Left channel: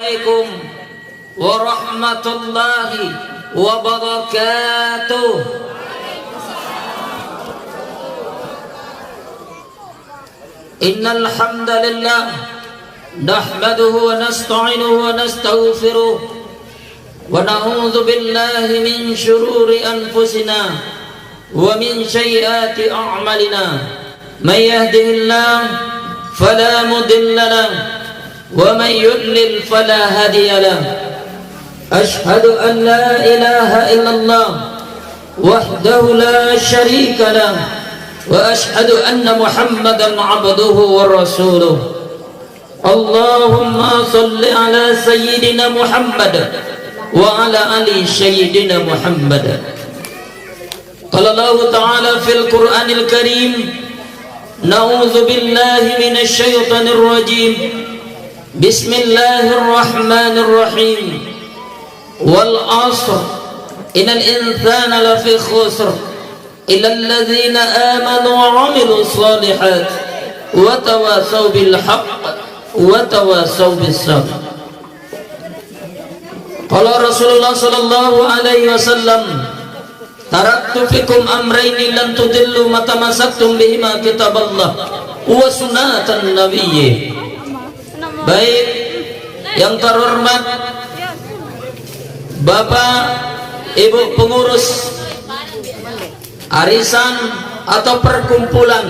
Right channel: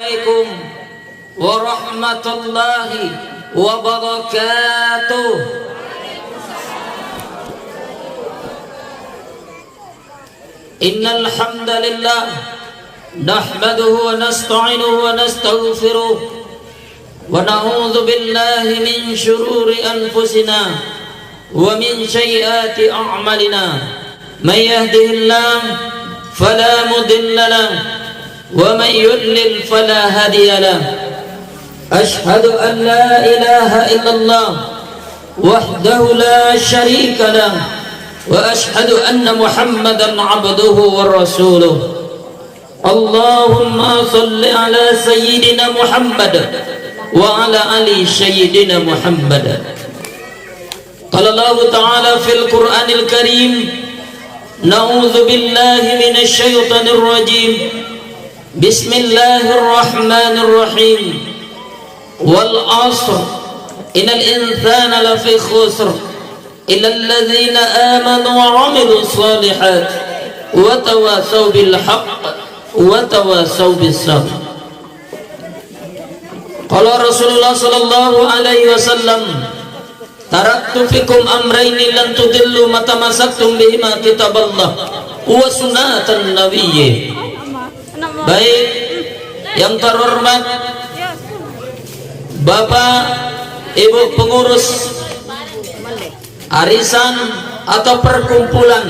Assalamualaikum warahmatullahi wabarakatuh. Innal hamdalillah nahmaduhu wa nasta'inuhu wa nastaghfiruh wa na'udzu billahi min shururi anfusina wa min sayyiati a'malina. May yahdihillahu fala mudilla lahu ومن يضلل فلا هادي له أشهد أن لا إله إلا الله وحده لا شريك له وأشهد أن محمدا عبده ورسوله اللهم صل على سيدنا محمد وعلى آل سيدنا محمد. قال الله تعالى في القرآن الكريم نعوذ بالله من الشيطان الرجيم بسم الله الرحمن الرحيم والعصر إن الإنسان لفي خسر إلا الذين آمنوا وعملوا الصالحات وتواصوا بالحق وتواصوا بالصبر. قال رسول الله صلى الله عليه وسلم تركت فيكم أمرين لن تضلوا ما تمسكتم بهما كتاب الله وسنة النبي. Baik yang terhormat Bapak Ibu pengurus arisan atau perkumpulan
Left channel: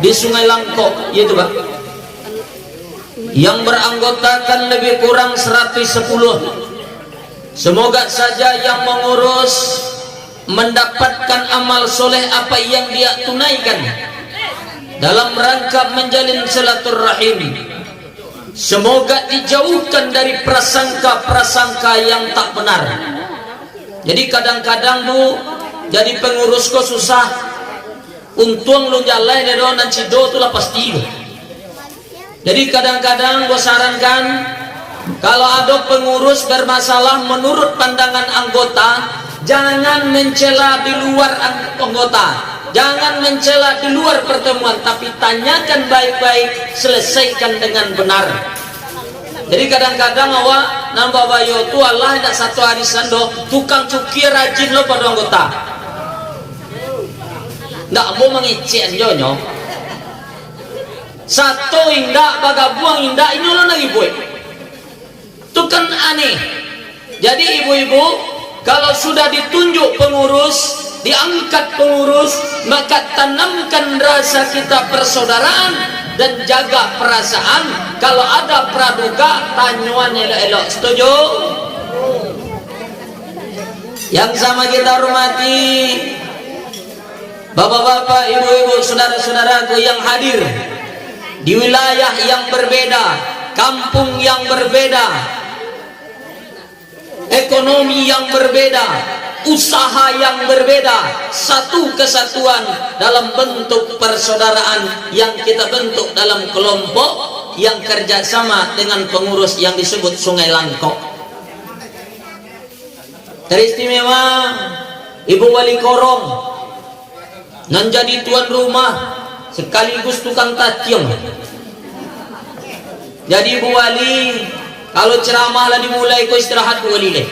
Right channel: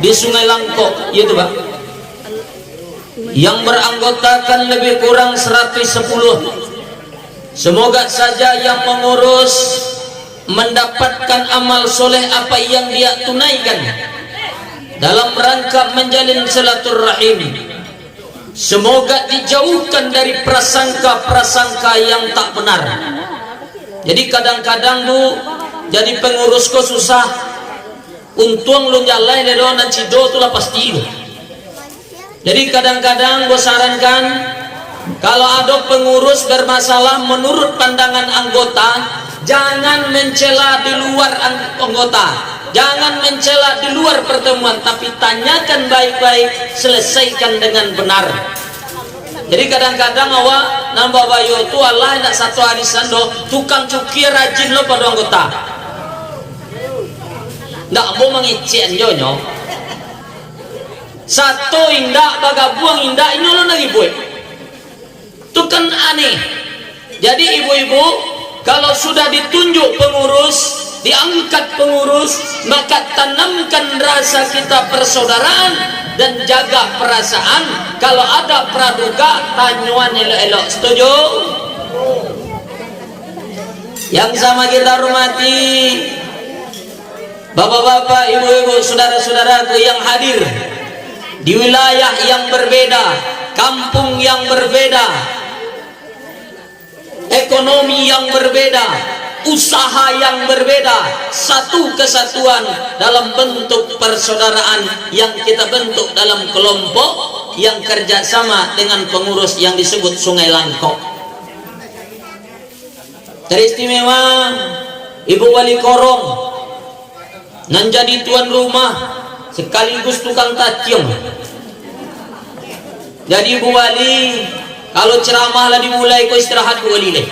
di Sungai Langkok, yaitu Pak, yang beranggotakan lebih kurang 110. Semoga saja yang mengurus mendapatkan amal soleh apa yang dia tunaikan dalam rangka menjalin silaturahim. Semoga dijauhkan dari prasangka-prasangka yang tak benar. Jadi kadang-kadang Bu, jadi pengurus kok susah. Untung lu jalan di dan cido tu lah pasti. Jadi kadang-kadang gue sarankan, kalau ada pengurus bermasalah menurut pandangan anggota, jangan mencela di luar anggota. Jangan mencela di luar pertemuan, tapi tanyakan baik-baik, selesaikan dengan benar. Jadi kadang-kadang awak nambah bayo tu Allah nak satu arisan do tukang cuki rajin lo pada anggota. Ndak mau mengicen jonyo. Satu indak baga buang indak ini lo lagi boy. Itu kan aneh. Jadi ibu-ibu kalau sudah ditunjuk pengurus, diangkat pengurus, maka tanamkan rasa kita persaudaraan dan jaga perasaan. Kalau ada praduga, tanyuan elok-elok. Setuju? Yang sama kita hormati bapak-bapak, ibu-ibu, saudara-saudaraku yang hadir di wilayah yang berbeda, kampung yang berbeda, ekonomi yang berbeda, usaha yang berbeda, satu kesatuan dalam bentuk persaudaraan yang kita bentuk dalam kelompok yang kerjasama dengan pengurus yang disebut Sungai Langkok. Teristimewa Ibu Wali Korong yang jadi tuan rumah sekaligus tukang tacium. Jadi Ibu Wali kalau ceramah lah dimulai kau istirahat Bu Wali leh.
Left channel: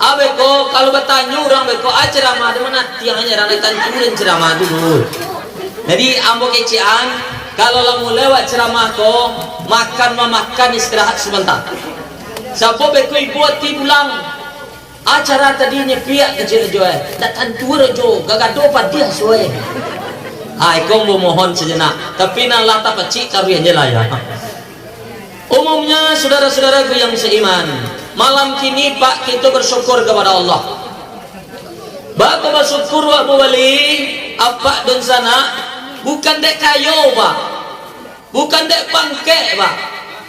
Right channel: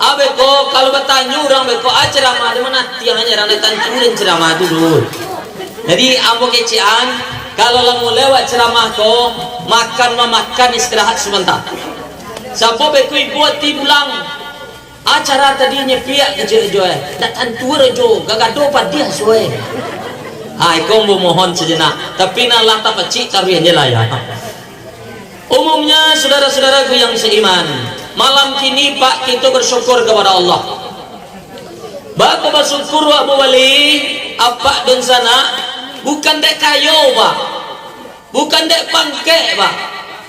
Abeko kalau bertanya orang beko ceramah di mana tiang hanya orang tanturin ceramah dulu. Jadi ambo kecian kalau lamu lewat ceramah ko makan istirahat sebentar. Siapa beko buat ti pulang acara tadinya pihak kejo tak tantur jo gagado padia soe. Kau mohon sejenak tapi nalah tak pecik tapi aja lah ya. Umumnya saudara-saudaraku yang seiman, malam kini Pak kita bersyukur kepada Allah. Bapak bersyukur Pak Wali apa dan sana bukan dek kayo Pak, bukan dek pangke Pak,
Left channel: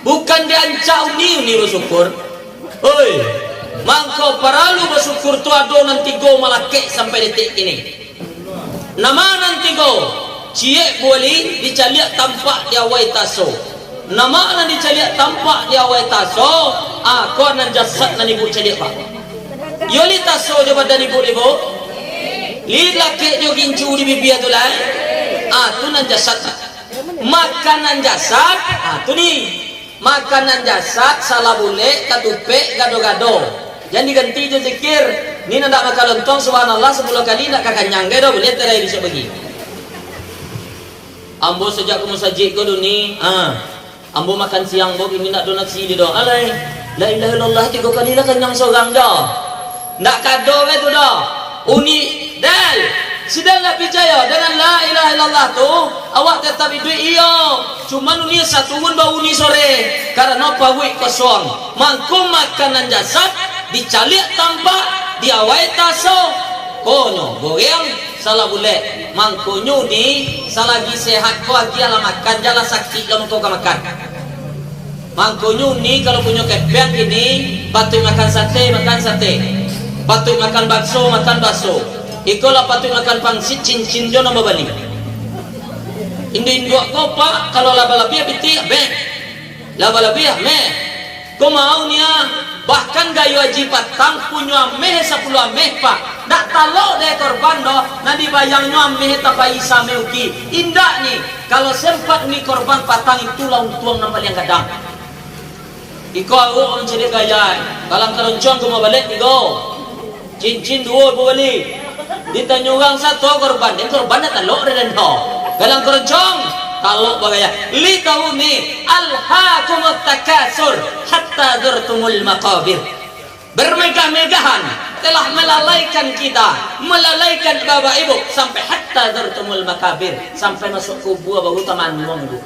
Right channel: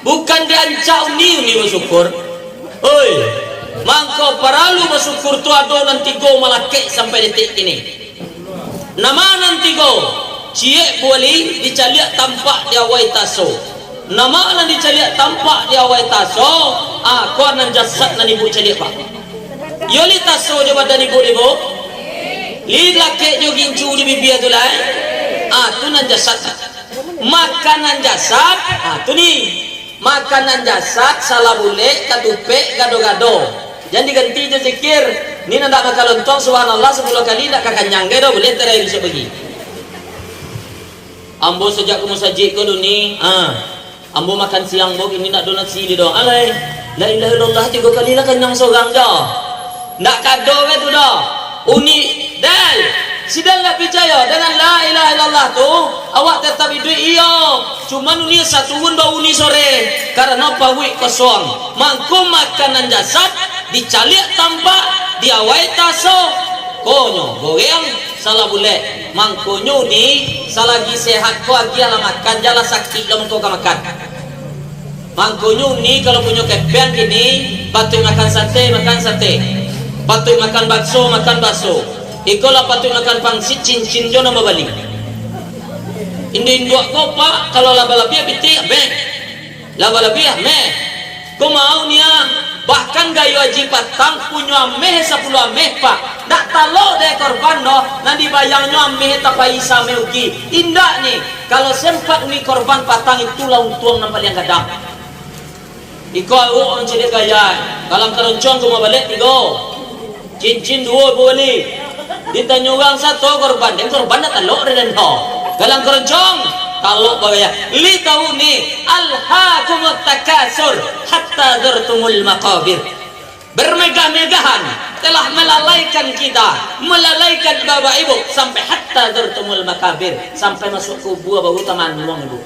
bukan dek ancau ni bersyukur. Oi, mangkau paralu bersyukur tu ado nanti go malake sampai detik ini. Nama nanti go, ciek Wali dicaliak tampak dia wai taso. Nama nan dicaliak tampak dia awal taso, aku nan jasad nan ibu caliak Pak. Yoli taso je badan ibu. Li laki jo gincu di bibir tu lai. Tu nan jasad. makanan jasad, tu nih makanan jasad salah boleh katupe gado-gado. Jangan diganti je zikir. Ni nak makan lontong subhanallah 10 kali nak kakanyang gado boleh terai bisa bagi. Ambo sejak kamu sajik ko duni, ambo makan siang bo ini nak donat sili doang. Alai, la ilaha illallah 3 kali lah kenyang seorang dah. Nak kado ke tu dah. Uni dal. Sidang nak percaya dengan la ilaha illallah tu, awak tetap hidup iya. Cuma uni satu unda uni sore karena pawik kosong. Mangku makanan jasad dicalik tambah diawai taso. Kono goyang salah boleh. Mangkonyo ni salagi sehat ko agi ala makan jala sakit lam ko makan. Mangkonyo ni kalau punya kepian gini patut makan sate. Patut makan bakso. Ikolah patut makan pangsit cincin jo nama bali. Indo ko pak kalau laba-labia piti be. Laba-labia me. Ko mau nia bahkan gayo aji patang punya ameh 10 ameh pak. Nak talok deh korban no, nanti bayangnya ameh tapai same uki. Indah nih kalau sempat ni korban patang itu laung tuang nampak yang kadang. Iko aku jadi gaya. Kalau keroncong cuma balik tigo. Cincin 2 boleh. Ditanya orang satu korban, dan korban dah talok dan no. Galang keroncong, talok bagaya. Li tahu ni alhaakumut takasur hatta zurtumul maqabir. Bermegah-megahan telah melalaikan kita, melalaikan bapak ibu sampai hatta zurtumul maqabir, sampai masuk kubur baru taman ngomong ibu.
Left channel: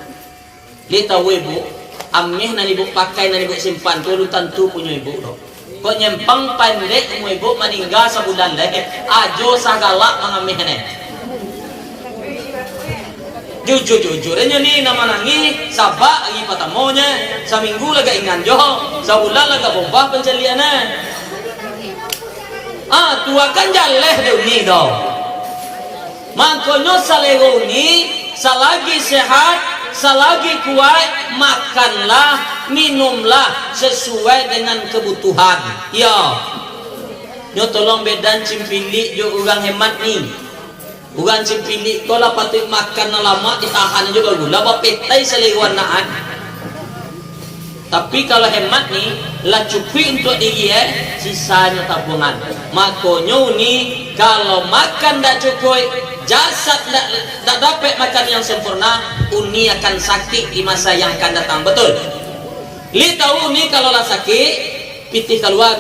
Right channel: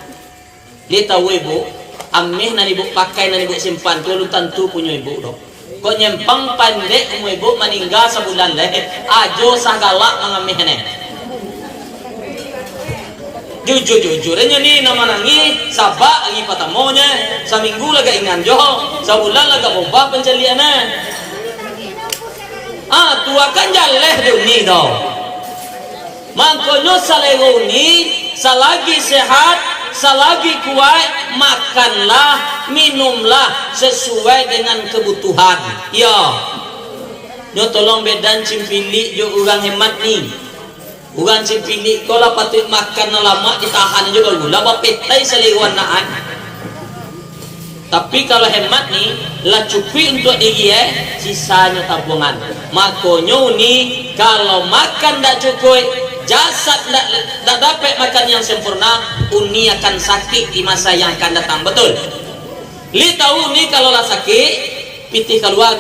Li tahu ibu, ameh nan ibu pakai nan ibu simpan tu lu tentu punya ibu dok. Kau nyempang pandai mu ibu meninggal sebulan leh ajo sagalak mengamih ne. Jujur ini ni nama nangi sabak lagi patamonya seminggu lagi ingan jo sebulan lagi bomba penceliannya. Tua kan jaleh dunia tau. Makanya salego ni selagi sehat, selagi kuat, makanlah, minumlah sesuai dengan kebutuhan. Ya. Nyo tolong bedan cimpili jo urang hemat ni. Urang cimpili kalau patut makan lama ditahan juga gula bapetai seleguan naan. Tapi kalau hemat ni lah cukup untuk dia sisanya tabungan. Makonyo ni kalau makan tak cukup, jasad tak dapat makan yang sempurna, uni akan sakit di masa yang akan datang. Betul? Li tahu ni kalau lah sakit, pitih keluar.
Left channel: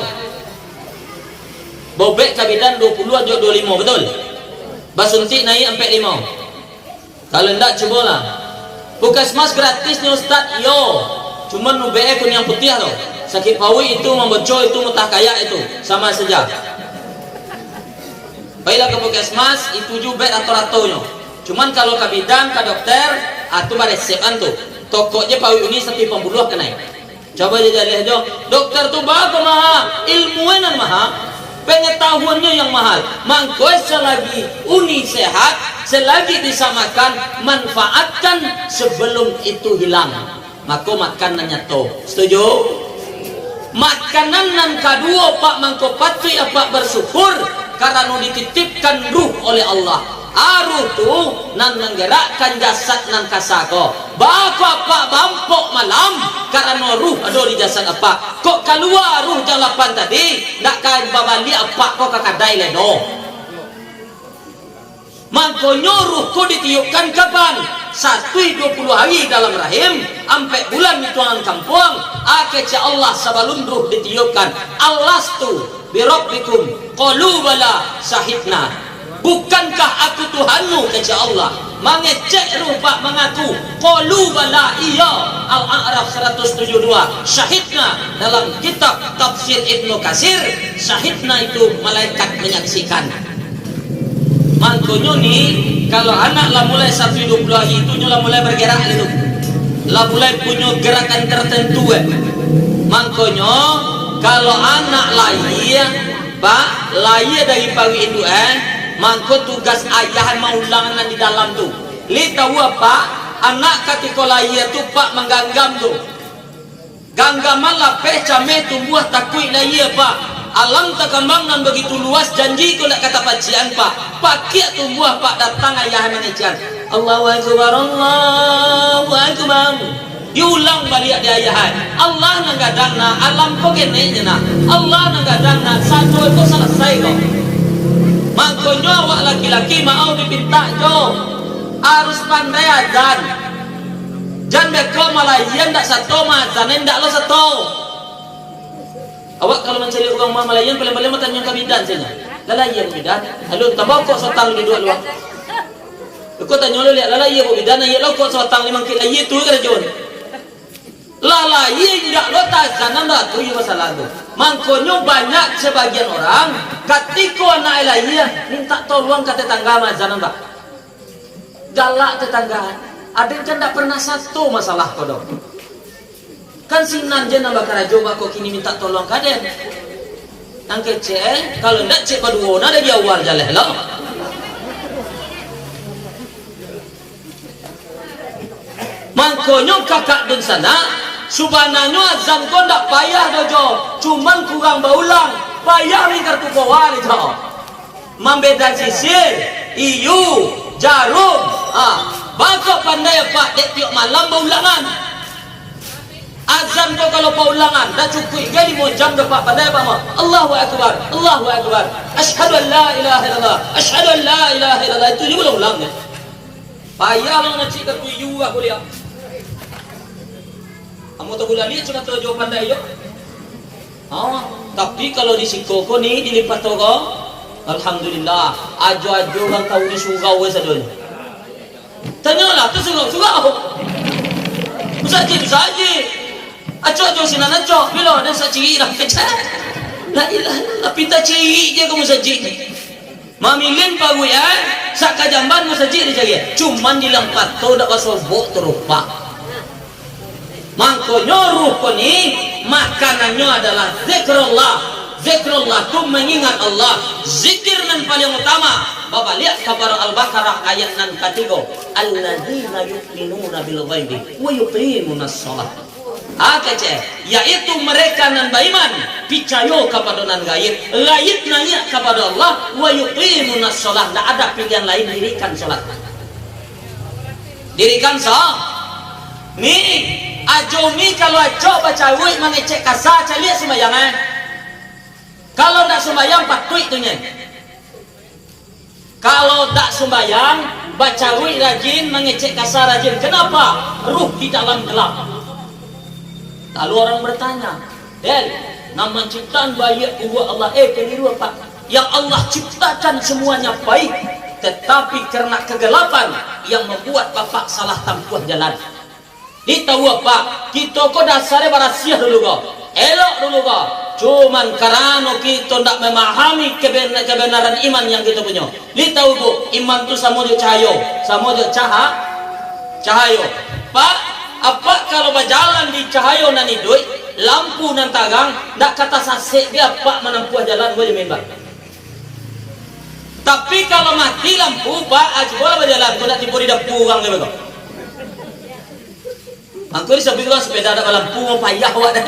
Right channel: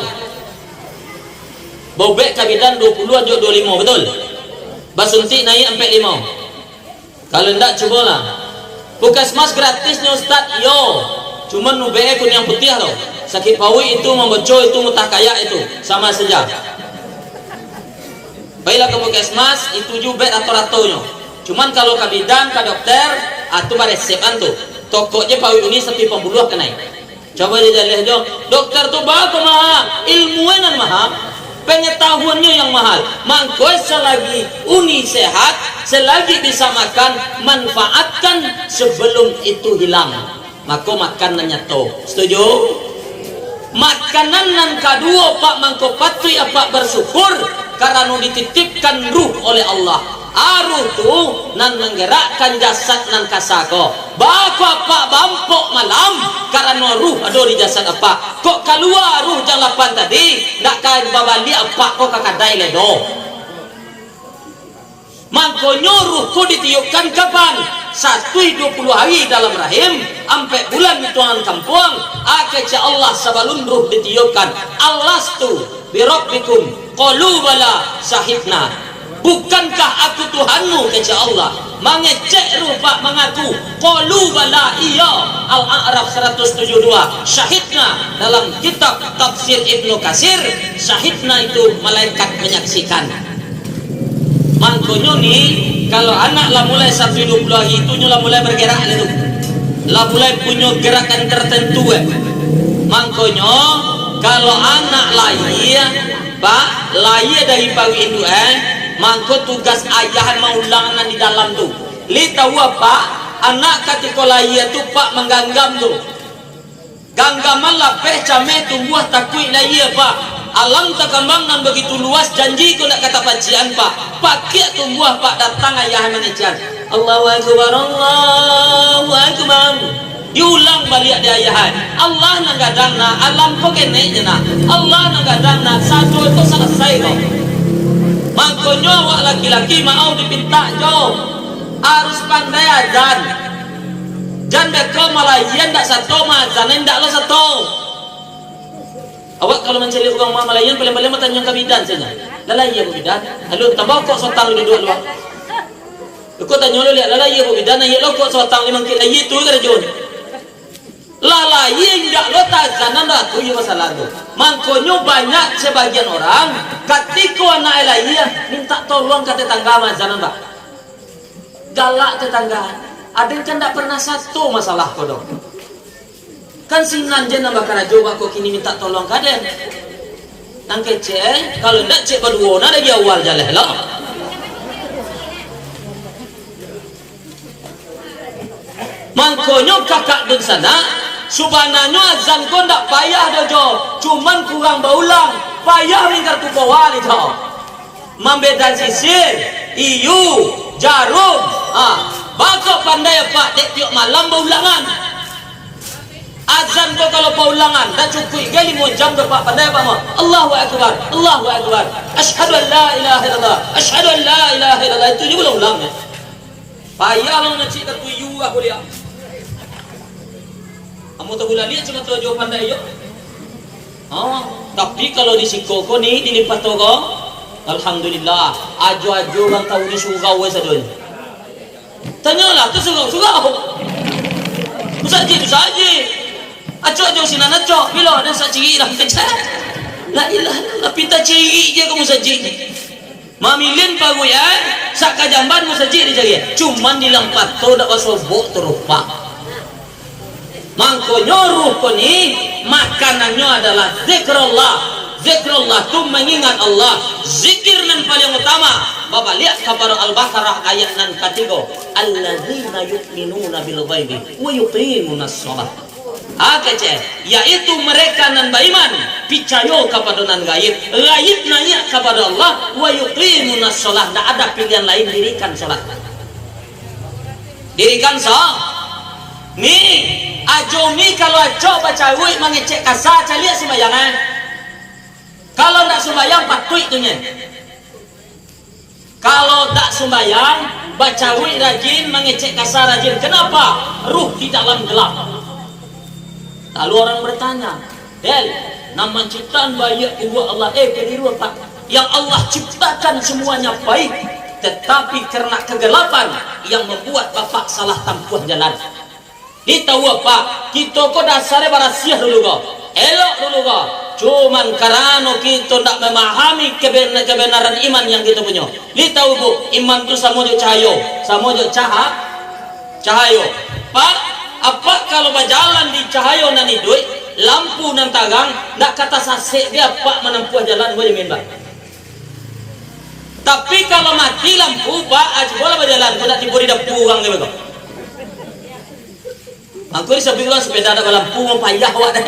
Bobek kabidan 20 atau 25, betul? Basuntik naik sampai 5. Kalau tidak cubalah. Puskesmas gratis ni Ustaz, yo. Cuma nubek kun yang putih tau. Sakit pawi itu membeco itu mutah kaya itu sama saja. Baiklah ke puskesmas itu juga rato-ratonya. Cuman kalau ke bidan ke dokter atau baresepan tu tokonya pawi ini seperti pembuluh kena. Coba dia lihat jo. Dokter tu bagus mahal, ilmunya mahal, pengetahuannya yang mahal. Mangkoi selagi uni sehat, selagi bisa makan, manfaatkan sebelum itu hilang. Maka makanannya to. Setuju? Makanan yang kedua pak mangko patui apa bersyukur karena dititipkan ruh oleh Allah. Aruh tu nan menggerakkan jasad nan kasako. Bako apa bampok malam karena ruh ada di jasad apa. Kok keluar ruh jalapan tadi nak kan babali apa kok kakadai ledo. Mangko nyuruhku ditiupkan kapan? 120 hari dalam rahim sampai bulan tuan kampung akhirnya Allah sebelum ruh ditiupkan Allastu birabbikum qalu bala syahidna. Bukankah aku Tuhanmu kata Allah? Mengecek ruh pak mengaku qalu bala iya. Al-A'raf 172 syahidna dalam kitab tafsir Ibnu Katsir. Syahidna itu malaikat menyaksikan. Mangkonyo ni kalau anak lah mulai 120 hari itu lah mulai bergerak itu, lah mulai punya gerakan tertentu Mangkonyo kalau anak lahir pak lahir dari pagi itu mangko tugas ayah mau ulangan di dalam tu. Li tahu apa anak ketika lahir tu pak mengganggam tu. Ganggaman lah pecame tumbuh takui lahir pak. Alam terkembang begitu luas janji kau nak kata pacian pak. Pak kia tumbuh pak datang ayah mengejar. Allahu akbar, Allahu akbar. Diulang balik di ayahan. Allah nanggadana alam ko kene na. Allah nanggadana satu itu selesai kok. Makanya awak laki-laki mau dipinta jo harus pandai azan. Jangan beko Malayan ndak satu mazan ndak lo satu. Awak kalau mencari uang Malayan paling-paling makan yang kabidan saja. Lalai ya bidan. Halo tabau kok sotang di dua luar. Ikut tanya lo lihat lalai ya bidan ya lo kok sotang 5 kilo itu kan jon. Lalai ndak lo tazanan dah tu ya masalah tu. Makanya banyak sebagian orang ketika anak lalai minta tolong ke tetangga mazanan pak. Galak tetangga. Ada yang kan tak pernah satu masalah kau dong. Kan sinan je nak bakal coba kau kini minta tolong kaden. Nang kecil, kalau nak cek berdua, nak dari awal jalan lah. Makanya kakak dun sana, subhananya azan kau tak payah dojo, cuman kurang berulang, payah mingkar tu bawah ni tau. Membeda sisir, iu, jarum, bakal pandai pak dek tiap malam berulangan. Azan kau kalau paulangan dah cukup gali mau jam dapat pandai pak mah. Allahu akbar, Allahu akbar. Asyhadu an la ilaha illallah, asyhadu an la ilaha illallah itu dia ulang ni. Payah lo nak cik tuju aku dia. Kamu tahu bulan ni cuma tahu jawab pandai yo. Tapi kalau di sikoko ni dilipat togo, alhamdulillah. Ajo-ajo bang tahu di surau sadonya. Tanyalah tu surau. Usaji. Acok sinan acok. Bila dah sak ciri dah kecak. La ilaha illallah pinta ciri je kamu saji. Mamilin pagu ya, sak kajamban mu saji dia cari. Cuman di lampat tu dak basobok terupa. Mangkonyo ruh ko ni makanannya adalah zikrullah. Zikrullah tu mengingat Allah. Zikir nan paling utama. Bapak lihat kepada Al-Baqarah ayat nan ketiga. Alladzina yu'minuna bil ghaibi wa yuqimunas shalah. Yaitu mereka nan beriman percaya kepada nan gaib, gaib nanya kepada Allah, wa yuqimunas shalah. Tak ada pilihan lain, dirikan salat. Dirikan salat. Ni ajomi kalau ajo baca wui mangecek kasar caliak sembahyang. Kalau tak sembahyang patut itunya. Kalau tak sembahyang baca wui rajin, mengecek kasar rajin. Kenapa? Ruh di dalam gelap. Lalu orang bertanya, Del, nama ciptaan bayi Allah Allah keliru apa? Yang Allah ciptakan semuanya baik, tetapi karena kegelapan yang membuat bapak salah tempuh jalan. Kita tahu apa? Kita kok dasarnya barasiah dulu kau, elok dulu kau. Cuman karena kita tak memahami kebenaran iman yang kita punya. Kita tahu bu, iman tu sama je cahaya, cahaya. Pak, apa kalau berjalan di cahaya nan hidup, lampu nan tagang, tak kata sasek dia pak menempuh jalan boleh membak. Tapi kalau mati lampu, pak aja boleh berjalan, kau tak tipu di dapur orang ni betul. Aku ni sebelah sepeda ada lampu mau payah awak dah.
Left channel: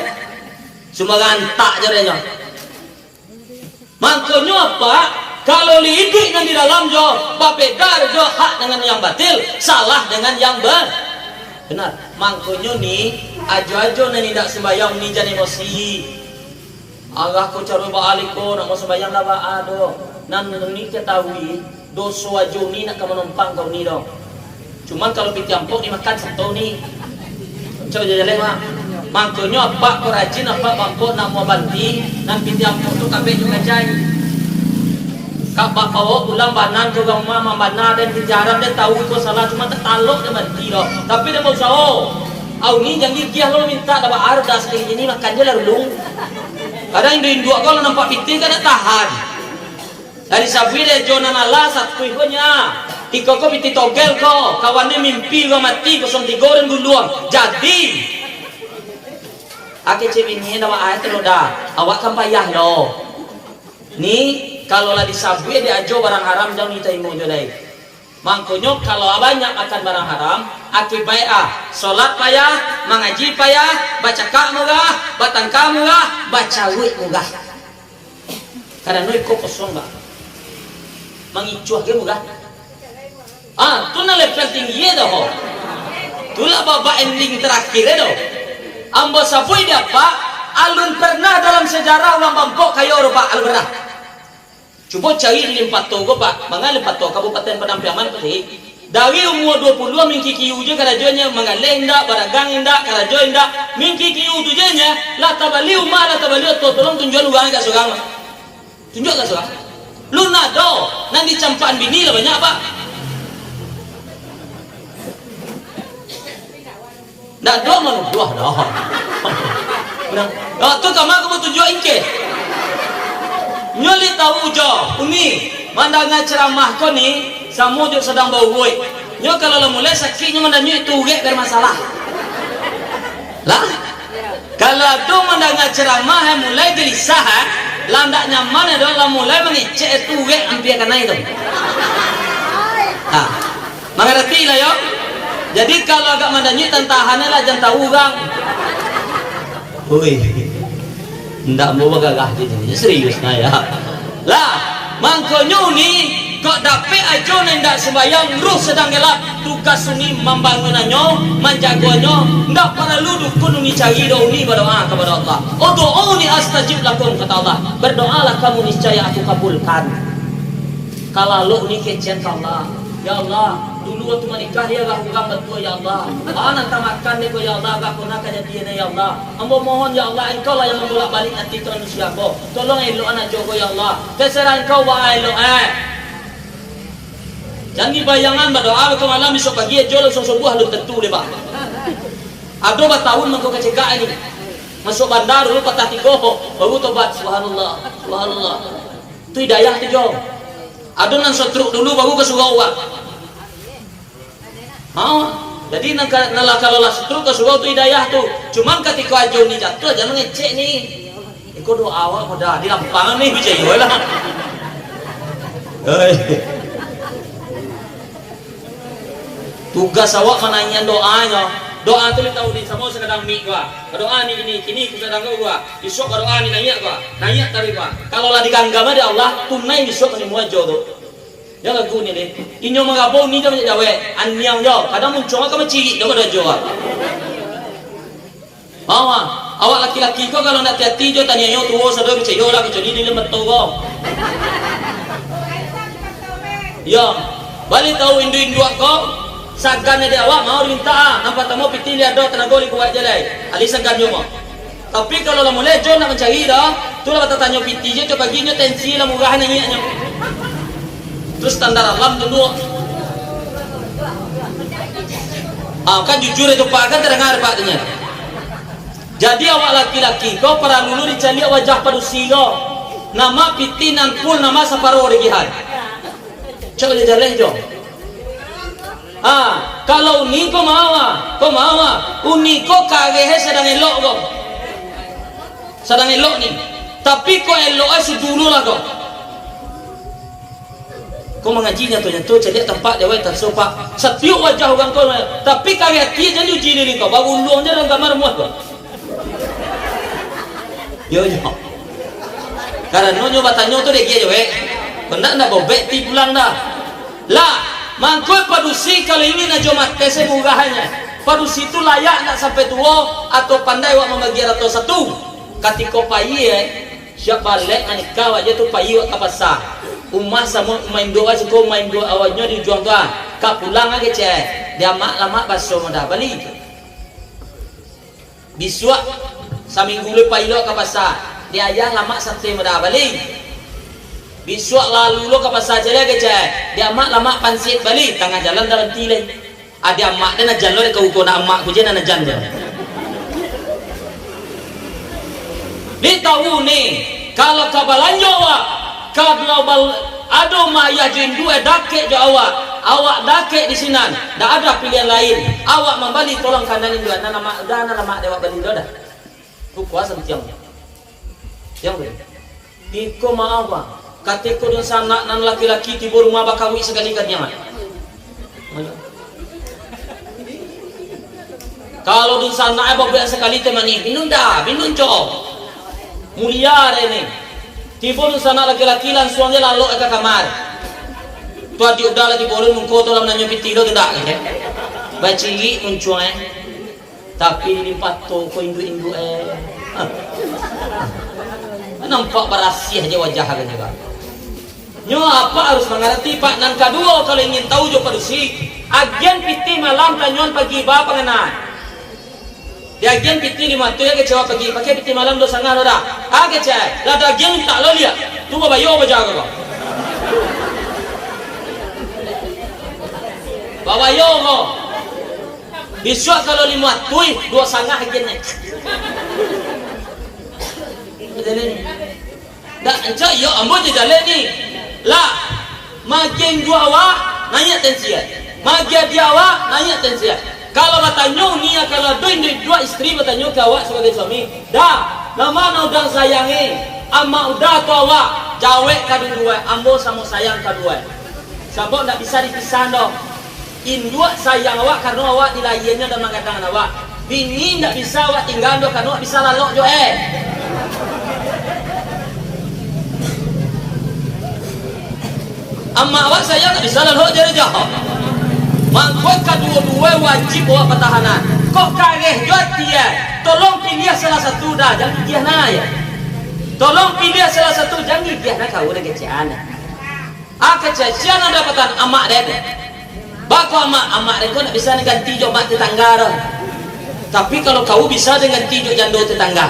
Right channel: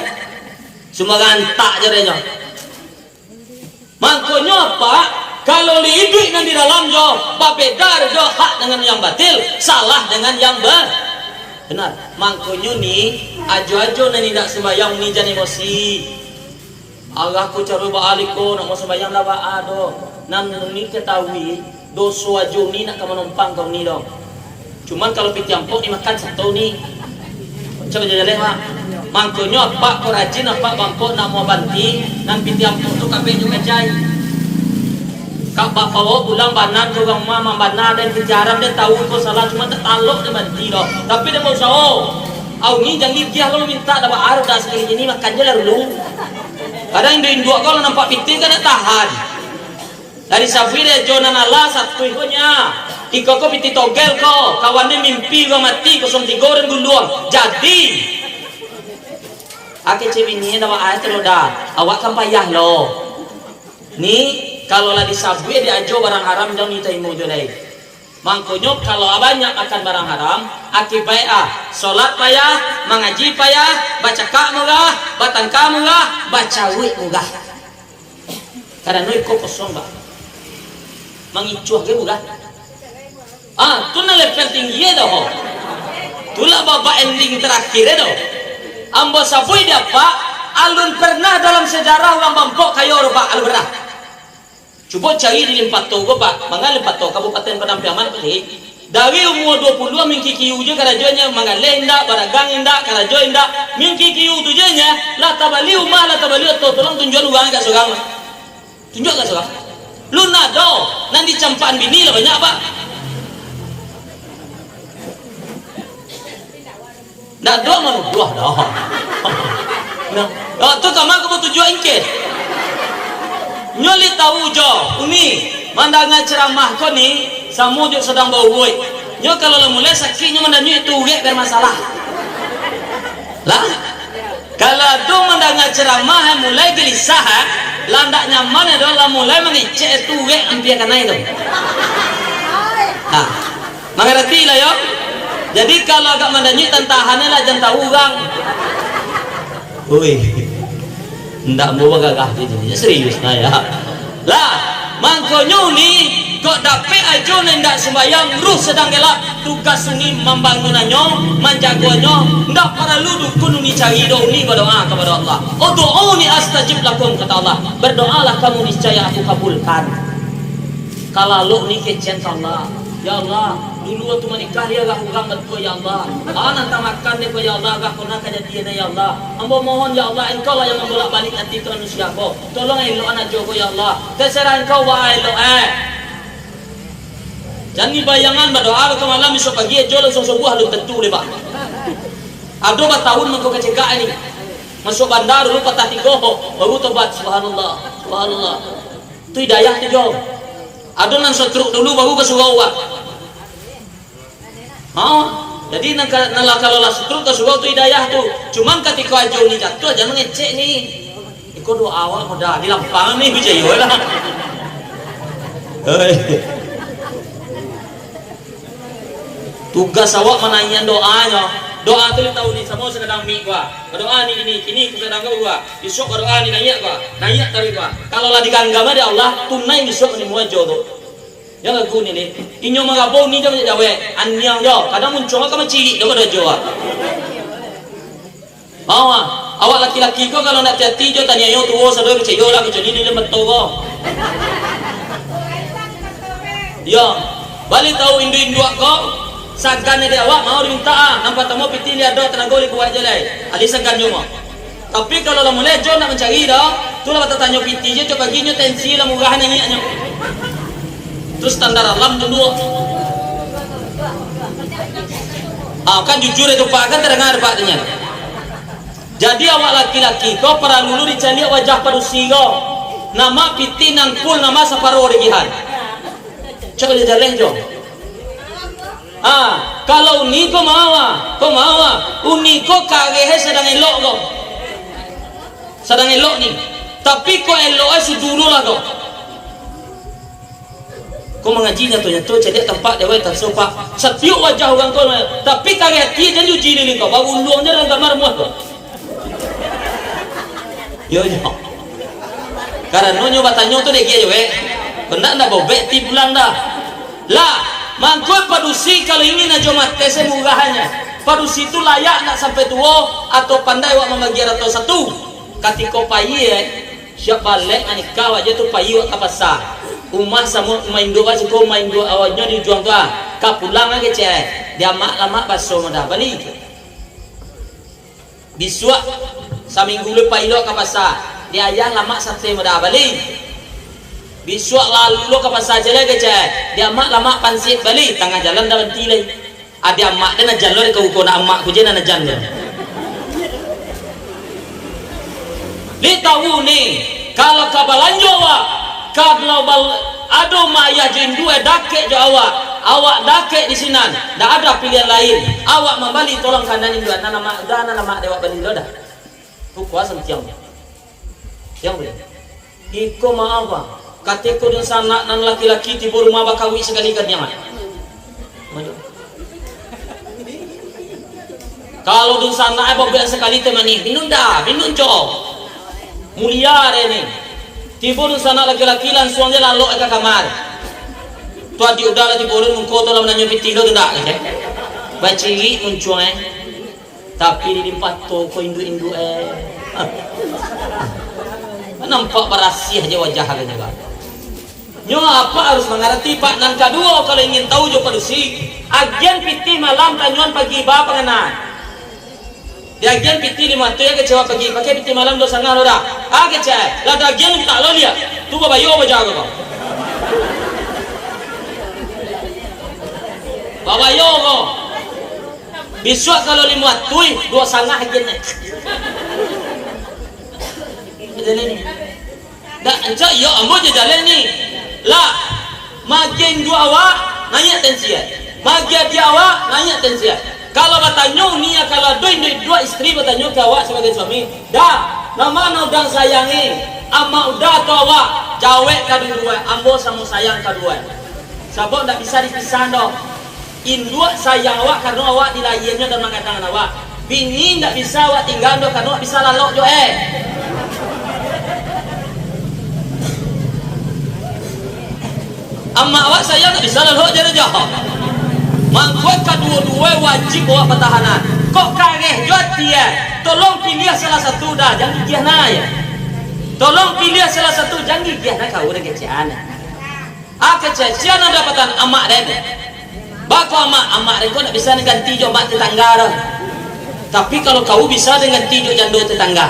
Cuma gantak je dia. Makanya apa? Kalau hidup di dalam jo, berbeda jo hak dengan yang batil, salah dengan yang benar. Makanya ni ajo-ajo ni tidak sembahyang ni jangan emosi. Allah ku cari baaliko nak mau sembahyang lah baado. Nan ni ketahui dosa ajo ni nak kamu numpang kau ni dong. Cuman kalau pitiampok ni makan satu ni. Coba jalan pak. Makanya apa kerajin apa bangko nak mau banti nan pitiampok tu kabeh juga jai. Kak bawa pulang banan ke rumah mambana dan kejaran dia tahu kau salah cuma tak talok dia banti doh. Tapi dia mau sawo. Au ni jangan dia lo minta dapat arda sekali ini makan dia lalu. Kadang dia dua kalau nampak piting kan tak tahan. Dari sabi dia jonan Allah satu ikhnya. Iko ko piti togel ko kawan dia mimpi ko mati ko som digoreng guluang. Jadi ake cebini dapat ayat lo dah. Awak kan payah lo. Ni kalau lah disabu ya diajo barang haram jangan minta imu jolai. Makanya kalau banyak makan barang haram, akibat solat payah, mengaji payah, baca kak murah, batang murah, baca wik murah. Karena nuik kok kosong bah, mengicuah dia murah. Tu na level tinggi dah. Tulah baba ending terakhir dah. Ambo sabui dia pak, alun pernah dalam sejarah orang Bangkok kayo pak alun pernah. Coba cari di Limpat Togo pak, mangal Limpat Togo Kabupaten Penampiaman putih. Dawi umur 20 mingki kiu je karajonya mangalai indak baragang indak karajo indak mingki kiu tu je nya la tabali umah la tabali to tolong tunjuk uang kat seorang. Tunjuk kat seorang. Lu nak do nanti campaan bini lah banyak pak. Dah do mana buah dah. Nah, tu kamar aku tujuh ingke. Nyoli tahu jo, umi mandanga ceramah ko ni, samu jo sedang bau boy. Nyo kalau lah mulai sakitnya mandanyo itu gak bermasalah. Lah, kalau tu mandanga ceramah mulai gelisah, landak nyaman itu lah mulai mengecek itu gak hampir kena itu. Ah, mengerti lah yo. Jadi kalau agak mandanyo tentahannya lah jangan tahu bang. Oi. Ndak mau bagagah gitu, serius nah ya. Lah, mangkonyo ni kok dapet aja ndak sembayang ruh sedang gelap tugas sungi membangunannya, menjagoannya, ndak perlu dukun ni cari doa ni berdoa kepada Allah. Oh doa ni astajib lakum kata Allah. Berdoalah kamu niscaya aku kabulkan. Kalau lo ni kecen Allah, ya Allah, dulu waktu menikah ya gak kurang betul ya Allah. Nanti makan dia ya Allah, gak pernah kejadian ya Allah. Ambo mohon ya Allah, engkau lah yang membolak balik hati ke manusia ko. Tolong elok anak jogo ya Allah. Terserah engkau wa elok Jangan dibayangan berdoa waktu malam besok pagi jolo sebuah lu tentu deh pak. Ado tahun mengkau kecegak ini. Masuk bandar dulu patah tigoh, baru tobat subhanallah, subhanallah. Itu hidayah tu jom. Ado nang setruk dulu baru kesurau pak. Jadi kalau lah setruk kesurau tu hidayah tu. Cuman ketika ajo ni jatuh jangan ngecek ni. Ikut doa awak mudah di lampangan ni bijaya lah. Tugas awak menanya doanya. Doa tu tahu di semua sekadang mi gua. Doa ni ini kini ku kadang gua. Besok doa ni nanya gua. Nanya tadi gua. Kalau lah diganggama dia Allah tunai besok ni muajo tu. Ya lagu ni. Inyo magabo ni dia jawe. Anyang jo. Kadang muncul ka maciri dia pada jo. Awak laki-laki kau kalau nak hati jo tanya yo tuo sador ceyo lah jadi di lemet tu kau. Ya, balik tahu indu-indu kau. Sagan dia awak mau minta nampak tamu piti dia ada tenaga li buat jelai ali sagan yo mau tapi kalau lah mulai jo nak mencari dah tu lah kata tanya piti je tu baginya tensi lah murah nyanyinya terus standar alam dulu kan jujur itu pak kan terdengar pak tanya jadi awak laki-laki kau para lulu dicari wajah padusi kau nama piti nangkul nama saparo regihan coba jalan jo kalau ni kau mawa, uni kau kagehe sedang elok ni. Tapi kau elok dulu lah kau. Kau mengajinya tu cedek tempat dia tak sopak. Setiap wajah orang kau, tapi kageh hati dan uji diri kau. Baru luangnya dalam kamar muat kau. Yo. Karena nyoba tanya tu dia je benak nak bobek ti bulan dah. Lah mangkoi padusi kalau ingin aja mati semurahnya padusi itu layak nak sampai tua atau pandai wak membagi atau satu ketika payi siap balik menikah aja tu payi wak kapasa umah sama main doa cukup main doa awalnya dijuang doa kap pulang aja cek dia mak lama baso mudah balik bisuak saminggu le payi wak kapasa dia ayah lama santai mudah balik bisuak lalu lo ke pasar jalan ke cak dia mak lama pansit balik tengah jalan dah berhenti lagi ada mak dia nak jalan ke ukur nak mak kujen nak jalan ni tahu ni kalau kabalanjo awak kalau ada maya jindu dakek jo awak dakek di sini dah ada pilihan lain awak membalik tolong kandanin dua nama dewa beli dah tu kuasa macam yang boleh iko maaf kateko din sana nan laki-laki tibo rumah bakawi sekali-kalinya. Kalau din sana ay babaya sekali temani, binun cok. Mulia ini. Tibo din sana laki-laki langsung dia lalu ke kamar. Tua di udah lagi boleh mengkoto lam nanyo pitilo tidak kan? Baciri muncuang tapi di limpat toko indu nampak berasih aja wajah halnya bang. Nyo apa harus mengerti pak. Nang kedua kalau ingin tahu jo padusi agian piti malam tanyon pagi ba panganan. Di agian piti lima tu ya kecewa pagi pakai piti malam do sangar dah. Kecewa. Lalu agian tak lo lihat. Tu bayo bajaga kau. Babayo kau. Besok kalau lima tui dua sangat agian ni. Jalan ni. Dah encak yo ambo je jalan ni. Lah, makin dua awak nanya tensian. Makin dia awak nanya tensian. Kalau bertanya ni kalau dua isteri bertanya ke awak sebagai suami, dah, nama udah sayangi, ama udah tu awak, jawab kedua, ambo sama sayang kedua. Sebab tak bisa dipisah dah. Induk sayang awak karena awak dilayinnya dan mengatakan awak. Bini tak bisa awak tinggal dah karena awak bisa lalok jo Amma awak sayang tak bisa lalok jadi jahat. Mangkuk kedua-dua wajib awak pertahanan. Kok kageh jual dia. Tolong pilih salah satu dah, jangan gigih na ya. Tolong pilih salah satu, jangan gigih na kau udah kecian. Kecian ada dapatan amak dia. Bako amak dia kau nak bisa ganti jo mak tetangga. Tapi kalau kau bisa dengan ganti jo jando tetangga.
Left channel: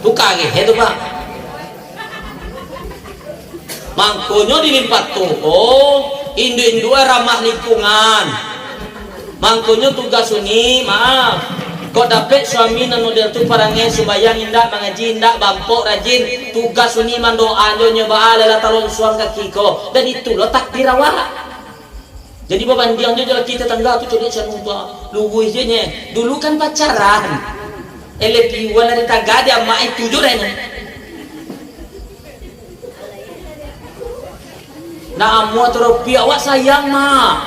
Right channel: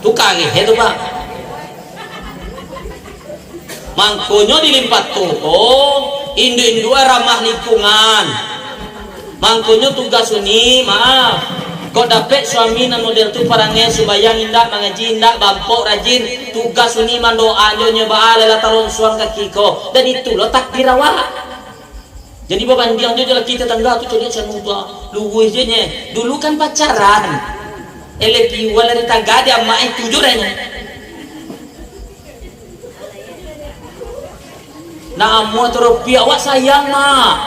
Tu kageh itu pak. Mangkonyo dilimpat toko, indu-indu ramah lingkungan. Mangkonyo tugas suni, maaf. Kau dapat suami nan model tu parangnya supaya indak mengaji indak bampok rajin. Tugas suni mandoa nyo baal la talon suang kaki ko. Dan itu lo takdir awak. Jadi bebandiang jo kita tangga tu curi canu tua. Lugu je nye. Dulu kan pacaran. Elepi wala tangga dia mai tujuh dah. Nah, amu atau rupiah awak sayang mak.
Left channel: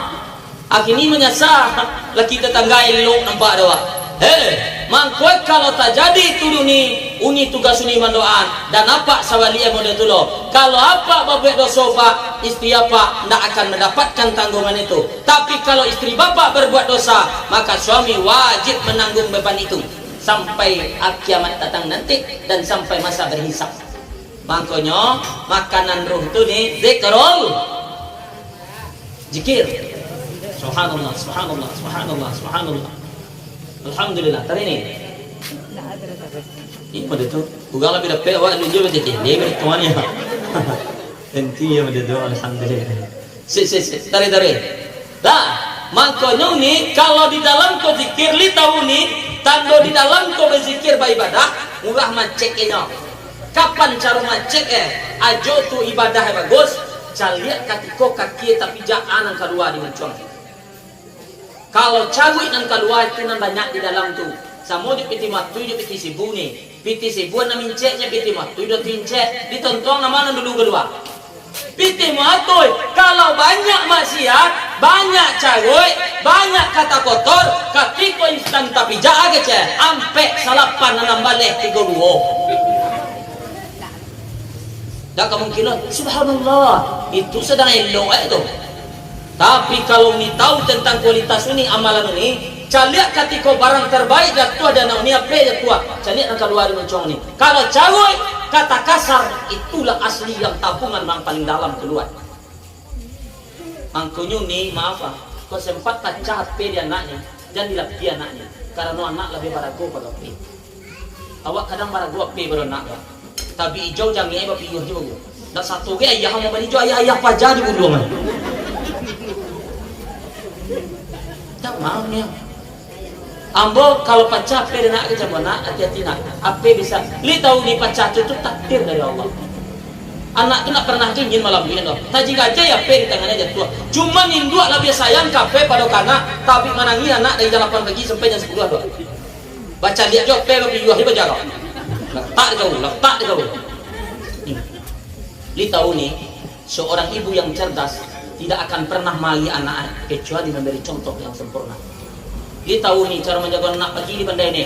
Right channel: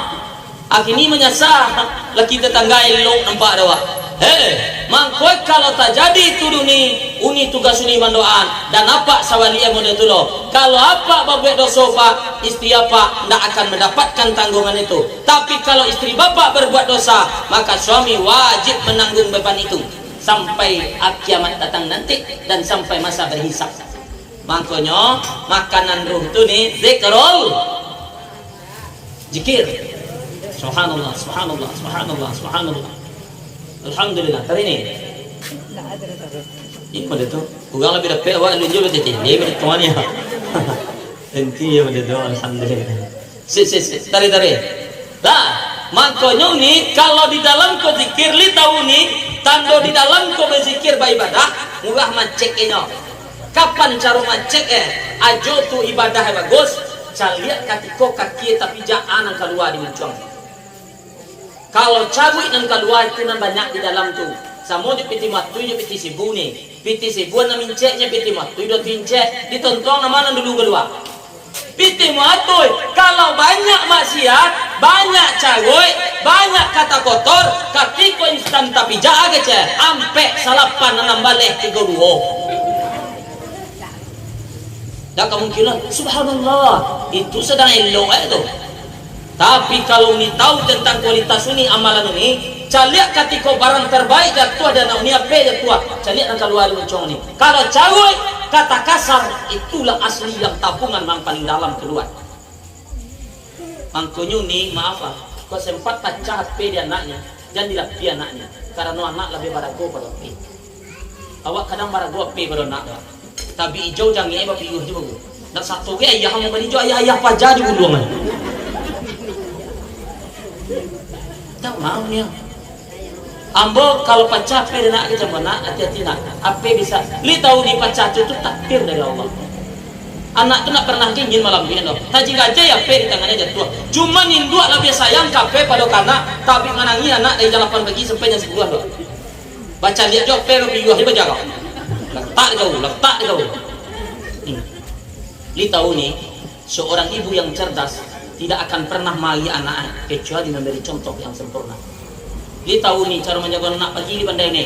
Akini menyasar laki tetangga elok nampak dah. Mangkoi kalau tak jadi itu uni tugas uni mandoan dan apa sawali model tu lo. Kalau apa babek dosa pak, istri apa tidak akan mendapatkan tanggungan itu. Tapi kalau istri bapak berbuat dosa, maka suami wajib menanggung beban itu sampai kiamat datang nanti dan sampai masa berhisab. Makanya makanan ruh itu nih zikrul zikir. Subhanallah, subhanallah, subhanallah, subhanallah. Alhamdulillah. Tadi ni. Ini pada tu. Ugang lebih dapat awak lunjuk betul. Ni bertuan ya. Enti ya pada tu. Alhamdulillah. Tadi. Dah. Makanya ni kalau di dalam kau zikir li tahu ni, tando di dalam kau berzikir beribadah, murah maceknya. Kapan cara macet ajo tu ibadah bagus caliak katiko kaki tapi jangan nang keluar di muncung. Kalau cawik nang keluar itu nan banyak di dalam tu. Samo di piti matu di piti sibu ni. Piti sibu na minceknya piti matu do tincek ditontong nama nan dulu keluar. Piti matu kalau banyak maksiat, banyak cawik, banyak kata kotor, katiko instan tapi jaga ce ampe salapan nan balik tiga dua. Tak kemungkinan subhanallah itu sedang elok tu. Tapi kalau ni tahu tentang kualitas ini amalan ini, caliak ketika barang terbaik jatuh ada nak ni apa jatuh, caliak nak keluar mencong ni. Kalau cawai kata kasar itulah asli yang tabungan yang paling dalam keluar. Angkunyu ni maaf kau sempat pecah HP dia anak ni dan dilapih anak ni karena anak lebih barago pada HP. Awak kadang barago HP pada anak dia. Tapi hijau jangan iba piyuh di bagu. Dan satu ke ayah mau beli hijau ayah paja di buduangan. Tak mau ni. Ambo kalau pecah pe nak ke mana hati-hati nak. Apa bisa? Li tahu di pecah itu takdir dari Allah. Anak tu nak pernah ingin malam ni no. Taji gajah ya pe di tangannya jatuh. Cuma induk lebih sayang kape pada kanak tapi menangi anak dari 8 pagi sampai jam 10 doh. Baca lihat jo pe piyuh di bajaga. Letak kau. Li tahu ni seorang ibu yang cerdas tidak akan pernah mali anak kecuali memberi contoh yang sempurna. Li tahu ni cara menjaga anak pagi di pandai ni.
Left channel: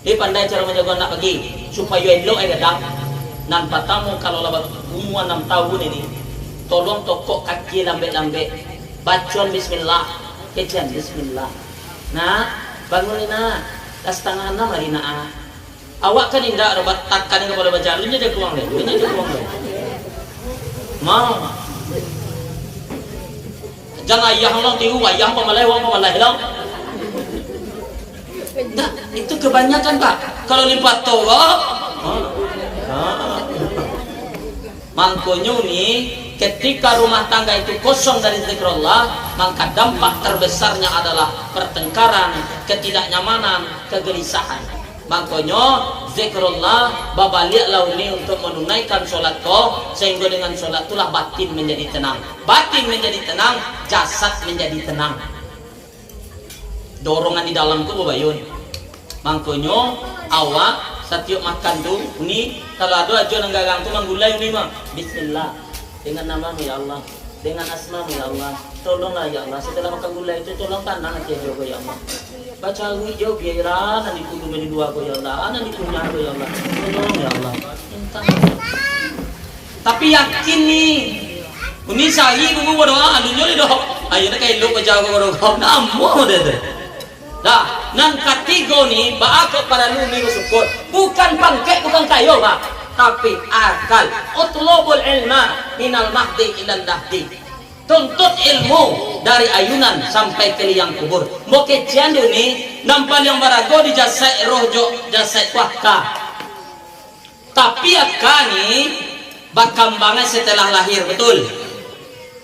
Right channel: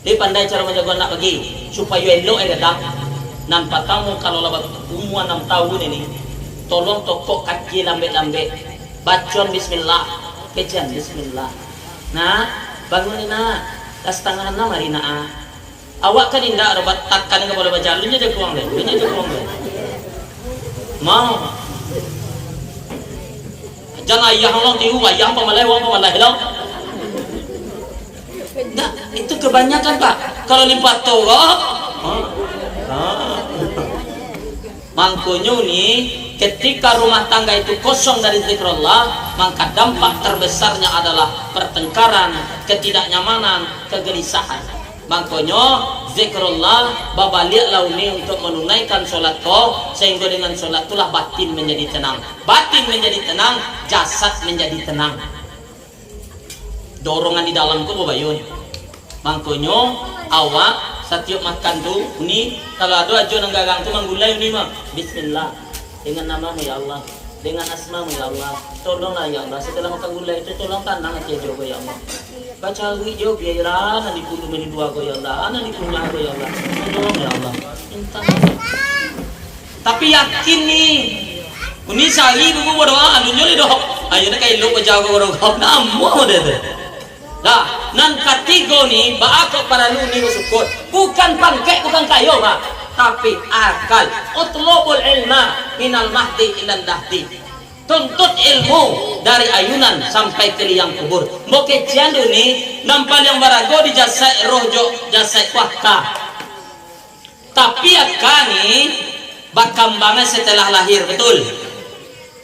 Dia pandai cara menjaga anak pagi supaya elok dah. Nan patamu kalau lebat umur 6 tahun ini tolong tokok kaki lambe-lambe, bacon bismillah, kejan bismillah. Nah, bangun na, tas tangan na marina a. Awak kan indah robat takkan ke boleh baca, lunya dia kuang deh, Mau. Jangan ayah orang tiu, ayah pemalai, orang pemalai hilang. Nah, itu kebanyakan Pak. Kalau lipat tolak, mangkonyo nih, ketika rumah tangga itu kosong dari zikrullah, maka dampak terbesarnya adalah pertengkaran, ketidaknyamanan, kegelisahan. Mangkonyo zikrullah babalik launi untuk menunaikan sholat toh, sehingga dengan sholat itulah batin menjadi tenang. Batin menjadi tenang, jasad menjadi tenang. Dorongan di dalamku bayun. Mangkonyo awak setiap makan tuh ini kalau ada aja nang gagang tuh manggulai ini mah bismillah dengan namamu ya Allah, dengan asmamu ya Allah, tolonglah ya Allah setelah makan gulai itu tolong tandang aja jago ya Allah, baca gue jauh biarlah nanti kudu meni dua go ya Allah, nanti punya go ya Allah, tolong ya Allah. Tapi yakin nih ini sari gue berdoa adunya le doh ayo kayak lu jago go namu deh. Nah, nan ketiga ni baako para luni bersyukur. Bukan pangkat, bukan kayo Pak, tapi akal. Utlubul ilma minal mahdi ilal lahdi. Tuntut ilmu dari ayunan sampai ke liang kubur. Moke ciandu ni nampal yang barago di jasad rohjo jasad wakka. Tapi akani bakambangan setelah lahir, betul.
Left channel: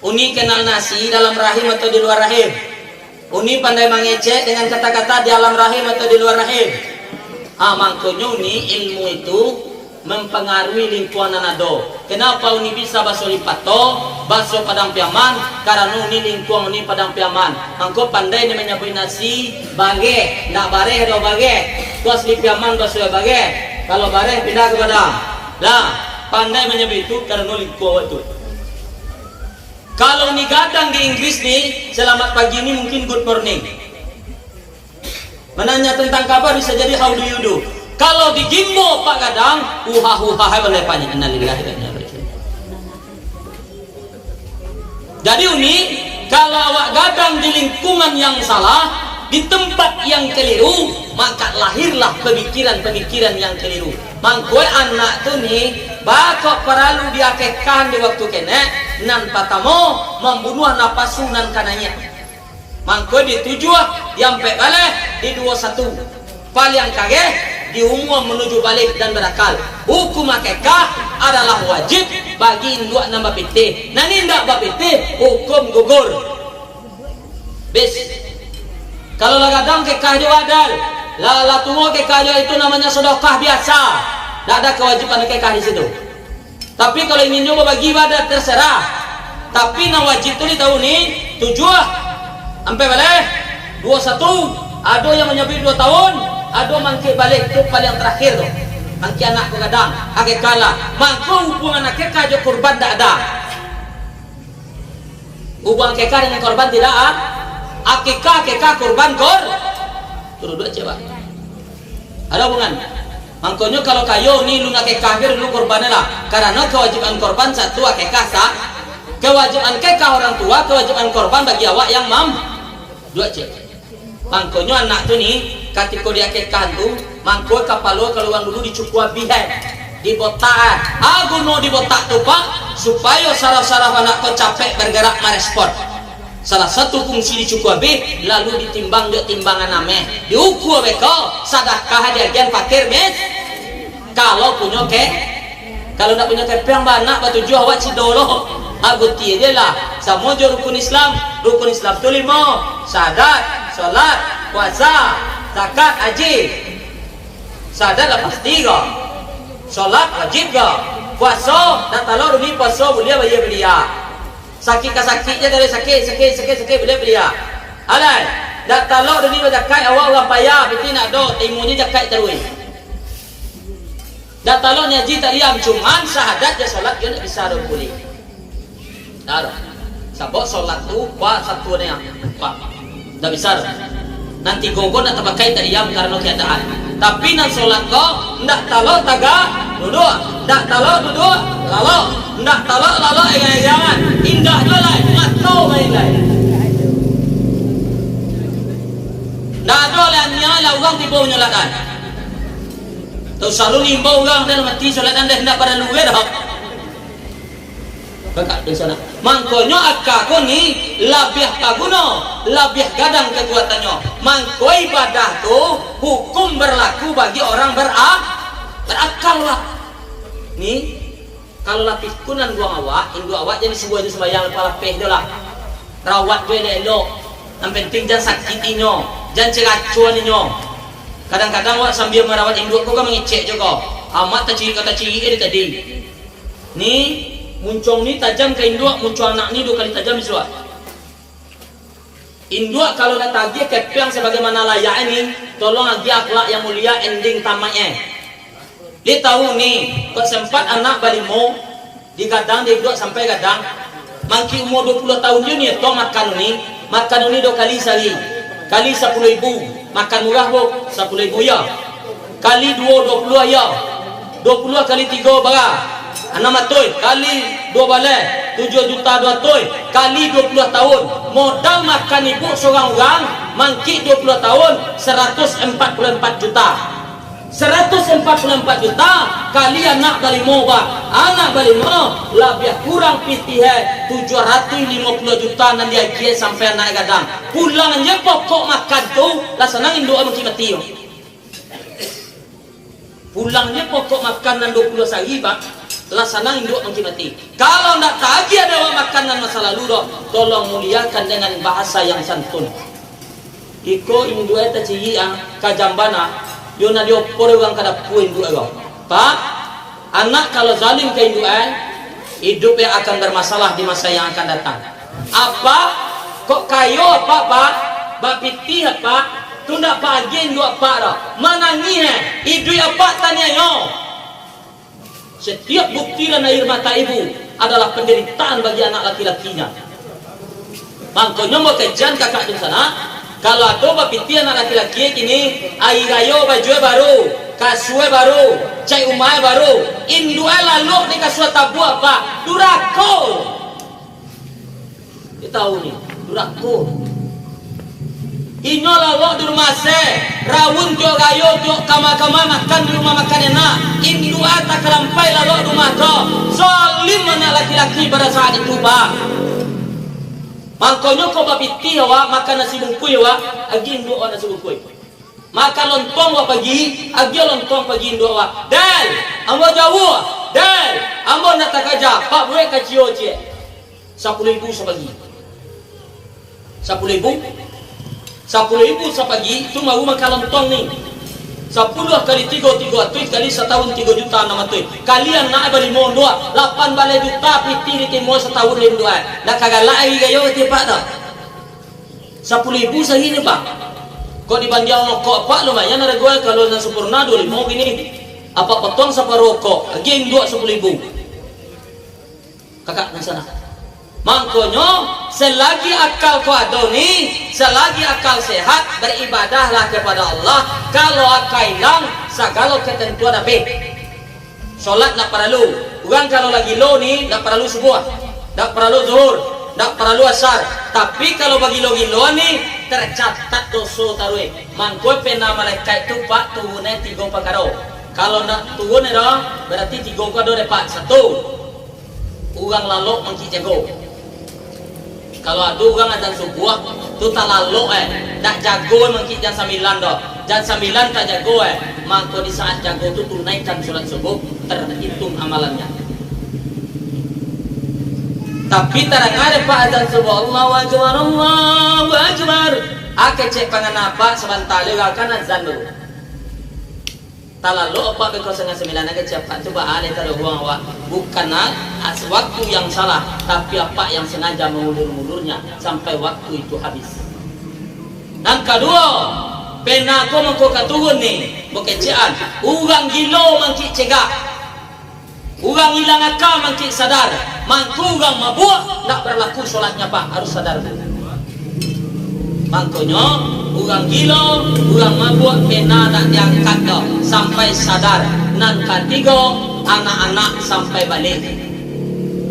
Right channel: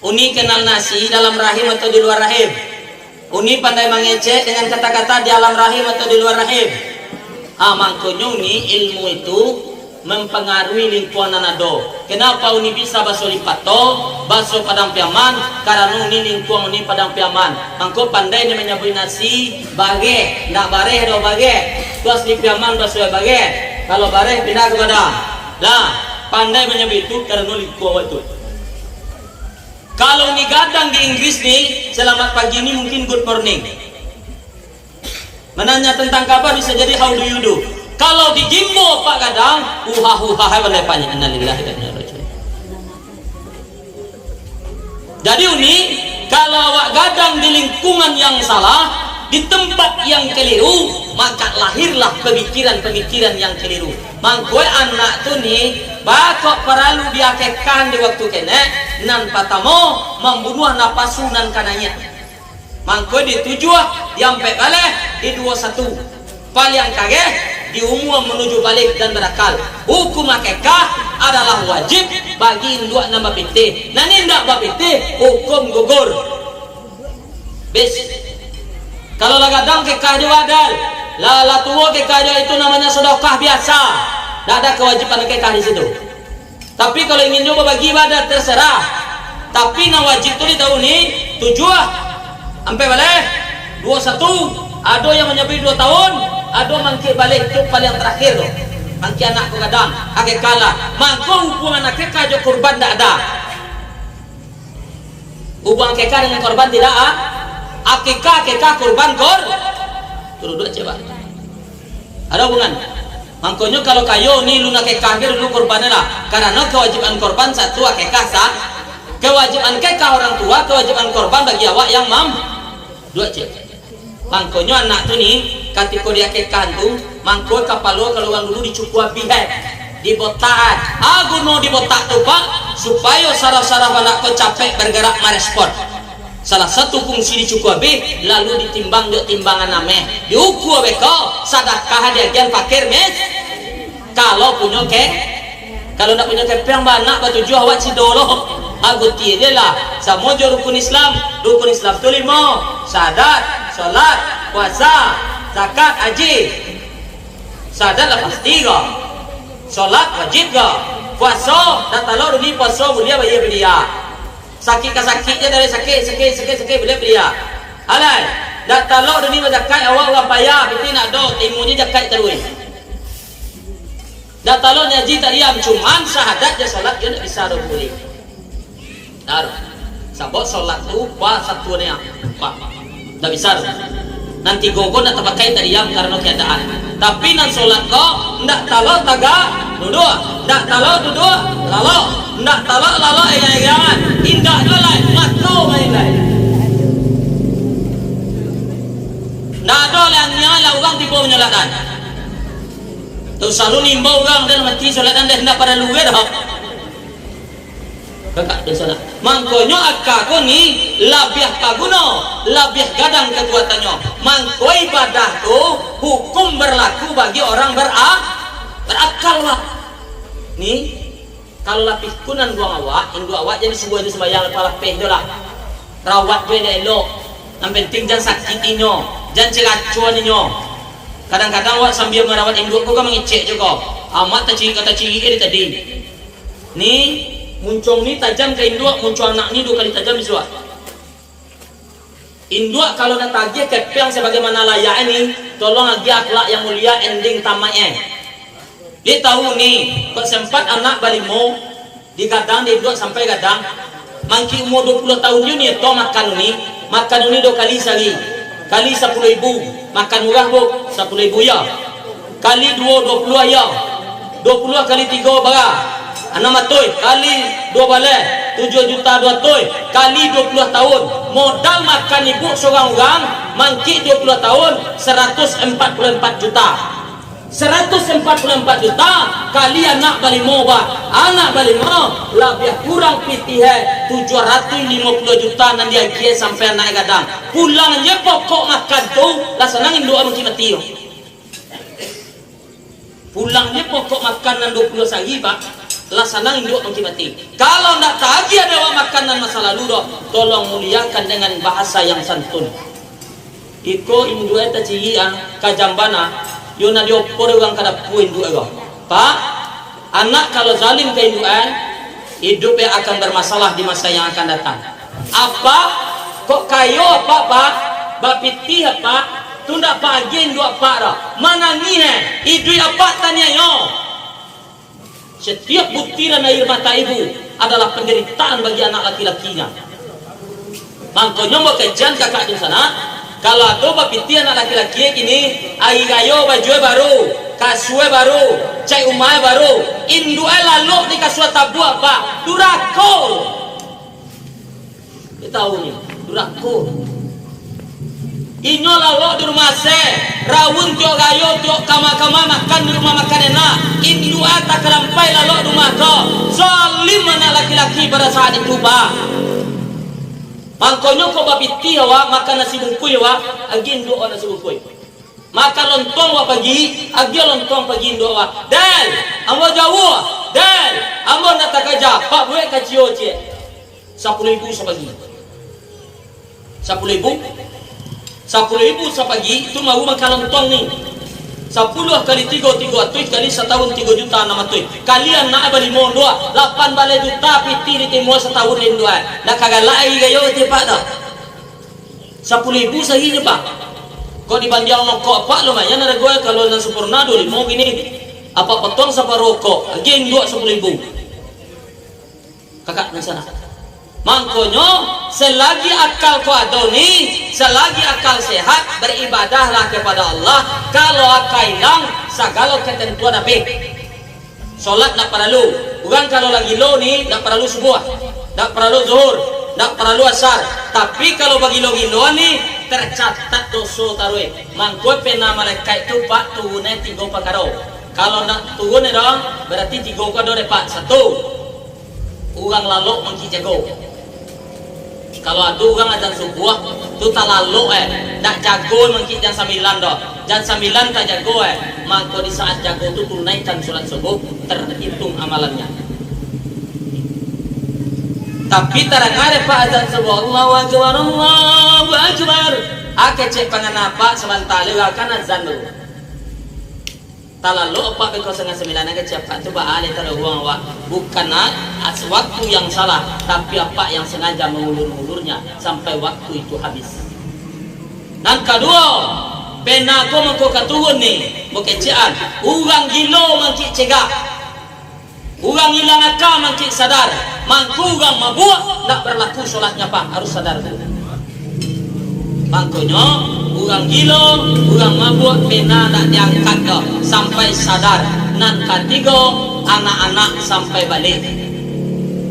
Uni kenal nasi dalam rahim atau di luar rahim. Uni pandai mengecek dengan kata-kata di alam rahim atau di luar rahim. Makanya uni ilmu itu mempengaruhi lingkungan nanado. Kenapa uni bisa baso lipato, baso padang piaman? Karena uni lingkungan uni padang piaman. Angko pandai ni menyabui nasi bage, nak bareh do bage. Tuas li piaman baso bage. Kalau bareh pindah ke padang. Lah, pandai menyabui itu karena lingkungan itu. Kalau nih gadang di Inggris nih, selamat pagi ini mungkin good morning. Menanya tentang kabar bisa jadi how do you do. Kalau di Gimbo Pak Gadang, uha boleh panjang. Jadi uni, kalau awak gadang di lingkungan yang salah, di tempat yang keliru, maka lahirlah pemikiran-pemikiran yang keliru. Mangkoi anak tu ni, bakok perlu diakekkan di waktu kene, nan patamo membunuh napasu nan kananya. Mangkoi ditujuh yang balik di 21. Paling kage di umum menuju balik dan berakal. Hukum akekah adalah wajib bagi induk nama PT. Nani ndak bapiti hukum gugur. Bes. Kalau lagadang kekah jo adal, la tuwo kekah jo itu namanya sedekah biasa. Tidak ada kewajiban kekah di situ. Tapi kalau ingin nyoba bagi ibadah terserah. Tapi na wajib tu di tahun ni 7 sampai balik 21. Ada yang menyampai 2 tahun, ada mangke balik tu paling terakhir tu. Mangke anak ko kadang, ake kala, mangko hubungan akekah jo kurban tak ada. Hubungan akekah dengan korban tidak ada. Akekah kurban turun dua coba. Ada hubungan. Makanya kalau kayo ni lu nak kafir lu korbannya lah. Karena kewajiban korban satu akekah sah. Kewajiban akekah orang tua, kewajiban korban bagi awak yang dua cek. Makanya anak tu ni ketika dia akekah tu, mangko kapalo keluar dulu dicukua bihek, dibotaan. Aku no dibotak tu Pak supaya saraf-saraf anak kau capek bergerak merespon. Salah satu fungsi dicukup lalu ditimbang dia timbangan ame diukur beko sedekah dia gian fakir mes kalau punya ke kalau nak punya ke yang banyak batu jual awak cidolo aguti dia lah sama je rukun Islam tu 5 syahadat solat puasa zakat haji syahadat lah pasti ke solat wajib ke puasa dan kalau ni puasa boleh bayar beria sakit dia dari sakit boleh beria. Alai, dak talok dini zakat awak orang payah, tapi nak do timunya zakat terus. Dak talok ngaji tak diam cuman syahadat dia solat dia nak bisa do boleh. Dar. Sabot solat tu pa satu ni pa. Dak bisa. Nanti gogo nak terpakai tak diam karena keadaan. Tapi nan solat kok ndak talau tagak duduk, ndak talau duduk lalu, ndak talau lalu egang-egangan, indah dolai matau baik-baik. Ndak ada lah nyala orang tiba menyalakan. Tu selalu nimbau orang dan mati solatan dah ndak pada luar dah. Kakak di sana. Mangkonyo akaku ni labiah kaguno, labiah gadang kekuatannya. Mangko ibadah tu hukum berlaku bagi orang berakal lah. Ni kalau lapis kunan buang awak, induk awak jadi sebuah itu sembahyang kepala peh tu lah. Rawat dia elok. Yang penting jangan sakitinyo, jangan ceracuannya. Kadang-kadang awak sambil merawat induk kau kan mengecek juga. Amat tak ciri kata ciri dia tadi. Ni muncung ni tajam ke induk, muncung anak ni 2 kali tajam disuat. Induk kalau nak tagih kepeng sebagaimana layak ini, tolong lagi akhlak yang mulia ending tamatnya. Dia tahu ni, kok sempat anak barimo digadang dia induk sampai gadang. Mangki umur 20 tahun ni to makan ni 2 kali sehari. Kali 10.000, makan murah bu, 10.000 ya. Kali 2 20 ya. 20 kali 3 berapa? 6 matoi kali 2 balai 7 juta 2 toy kali 20 tahun modal makan ibu seorang orang mangki 20 tahun 144 juta 144 juta kali anak balimo ba anak balimo lebih kurang pitih 750 juta nan dia gie sampai naik gadang pulang je pokok makan tu lah senang induk mesti mati pulangnya pokok makanan 20 sehari pak laksana induk mati. Kalau nak tagih ada makanan masa lalu doh, tolong muliakan dengan bahasa yang santun. Iko induk eta ciri kajambana, yo na diopor orang kada pu induk ego. Pak, anak kalau zalim ke induk hidupnya akan bermasalah di masa yang akan datang. Apa? Kok kayo apa pak? Bapiti apa? Tunda pagi induk apa doh? Mangangi idui apa tanya yo? Setiap butiran air mata ibu adalah penderitaan bagi anak laki-lakinya. Makanya mau kejian kakak di sana. Kalau ada bapiti anak laki-laki ini, air ayo baju baru, kasue baru, cai umai baru, indue lalu di kasue tabu apa? Durako. Kita tahu nih, durako. Inyo lalu di rumah rawun tio gayo tio kama-kama makan di rumah makan enak. Indu ata kelampai lalu rumah ko. Zalim anak laki-laki pada saat itu pak. Mangkonyo ko bapiti hawa makan nasi bungkuy hawa agi indu nasi bungkuy. Makan lontong wa pagi agi lontong pagi indu hawa. Del, ambo jauh. Del, ambo nak takaja. Pak buat kacio cie. 10.000 sepagi. 10.000 10.000 sepagi tu mau makan lontong ni 10 kali 3 tuh kali setahun 3 juta 6 tuh kalian nak bali mon 2 8 balai juta piti di timur setahun lim 2 nak kagak lai gayo ti pak dah 10.000 sahinya pak kok dibanding kok pak lumayan ada gue kalau yang sempurna 2.5 gini apa potong separuh kok geng 10.000 kakak di sana. Makanya selagi akal kau ada ni, selagi akal sehat beribadahlah kepada Allah. Kalau akal hilang, segala ketentuan habis. Solat tak perlu. Orang kalau lagi low ni, tak perlu subuh, tak perlu zuhur, tak perlu asar. Tapi kalau bagi low ni tercatat dosa tarwe. Mangko pena malaikat tu pak turunnya 3 perkara. Kalau nak turun dong, berarti 3 perkara dapat 1. Orang lalu mangki jago. Kalau ada orang azan subuh tu tak lalu tak jago mungkin jam 9 doh. Jam 9 tak jago maka di saat jago tu tunaikan solat subuh terhitung amalannya. Tapi tarang ada pak azan subuh Allahu akbar Allahu akbar. Ake cek panganapa sebentar akan azan dulu. Tak lalu apa ke 09 ake cek pak coba alih kalau buang awak bukan waktu yang salah tapi apa yang sengaja mengulur-ulurnya sampai waktu itu habis. Dan kedua pena ko mengko katuhun ni mengkecian urang gilo mangki cegah urang hilang akal mangki sadar mangku urang mabuk tak berlaku solatnya pak harus sadar bu. Makanya urang gilo urang mabuk pena tak diangkat sadar. Nan ketiga anak-anak sampai balik.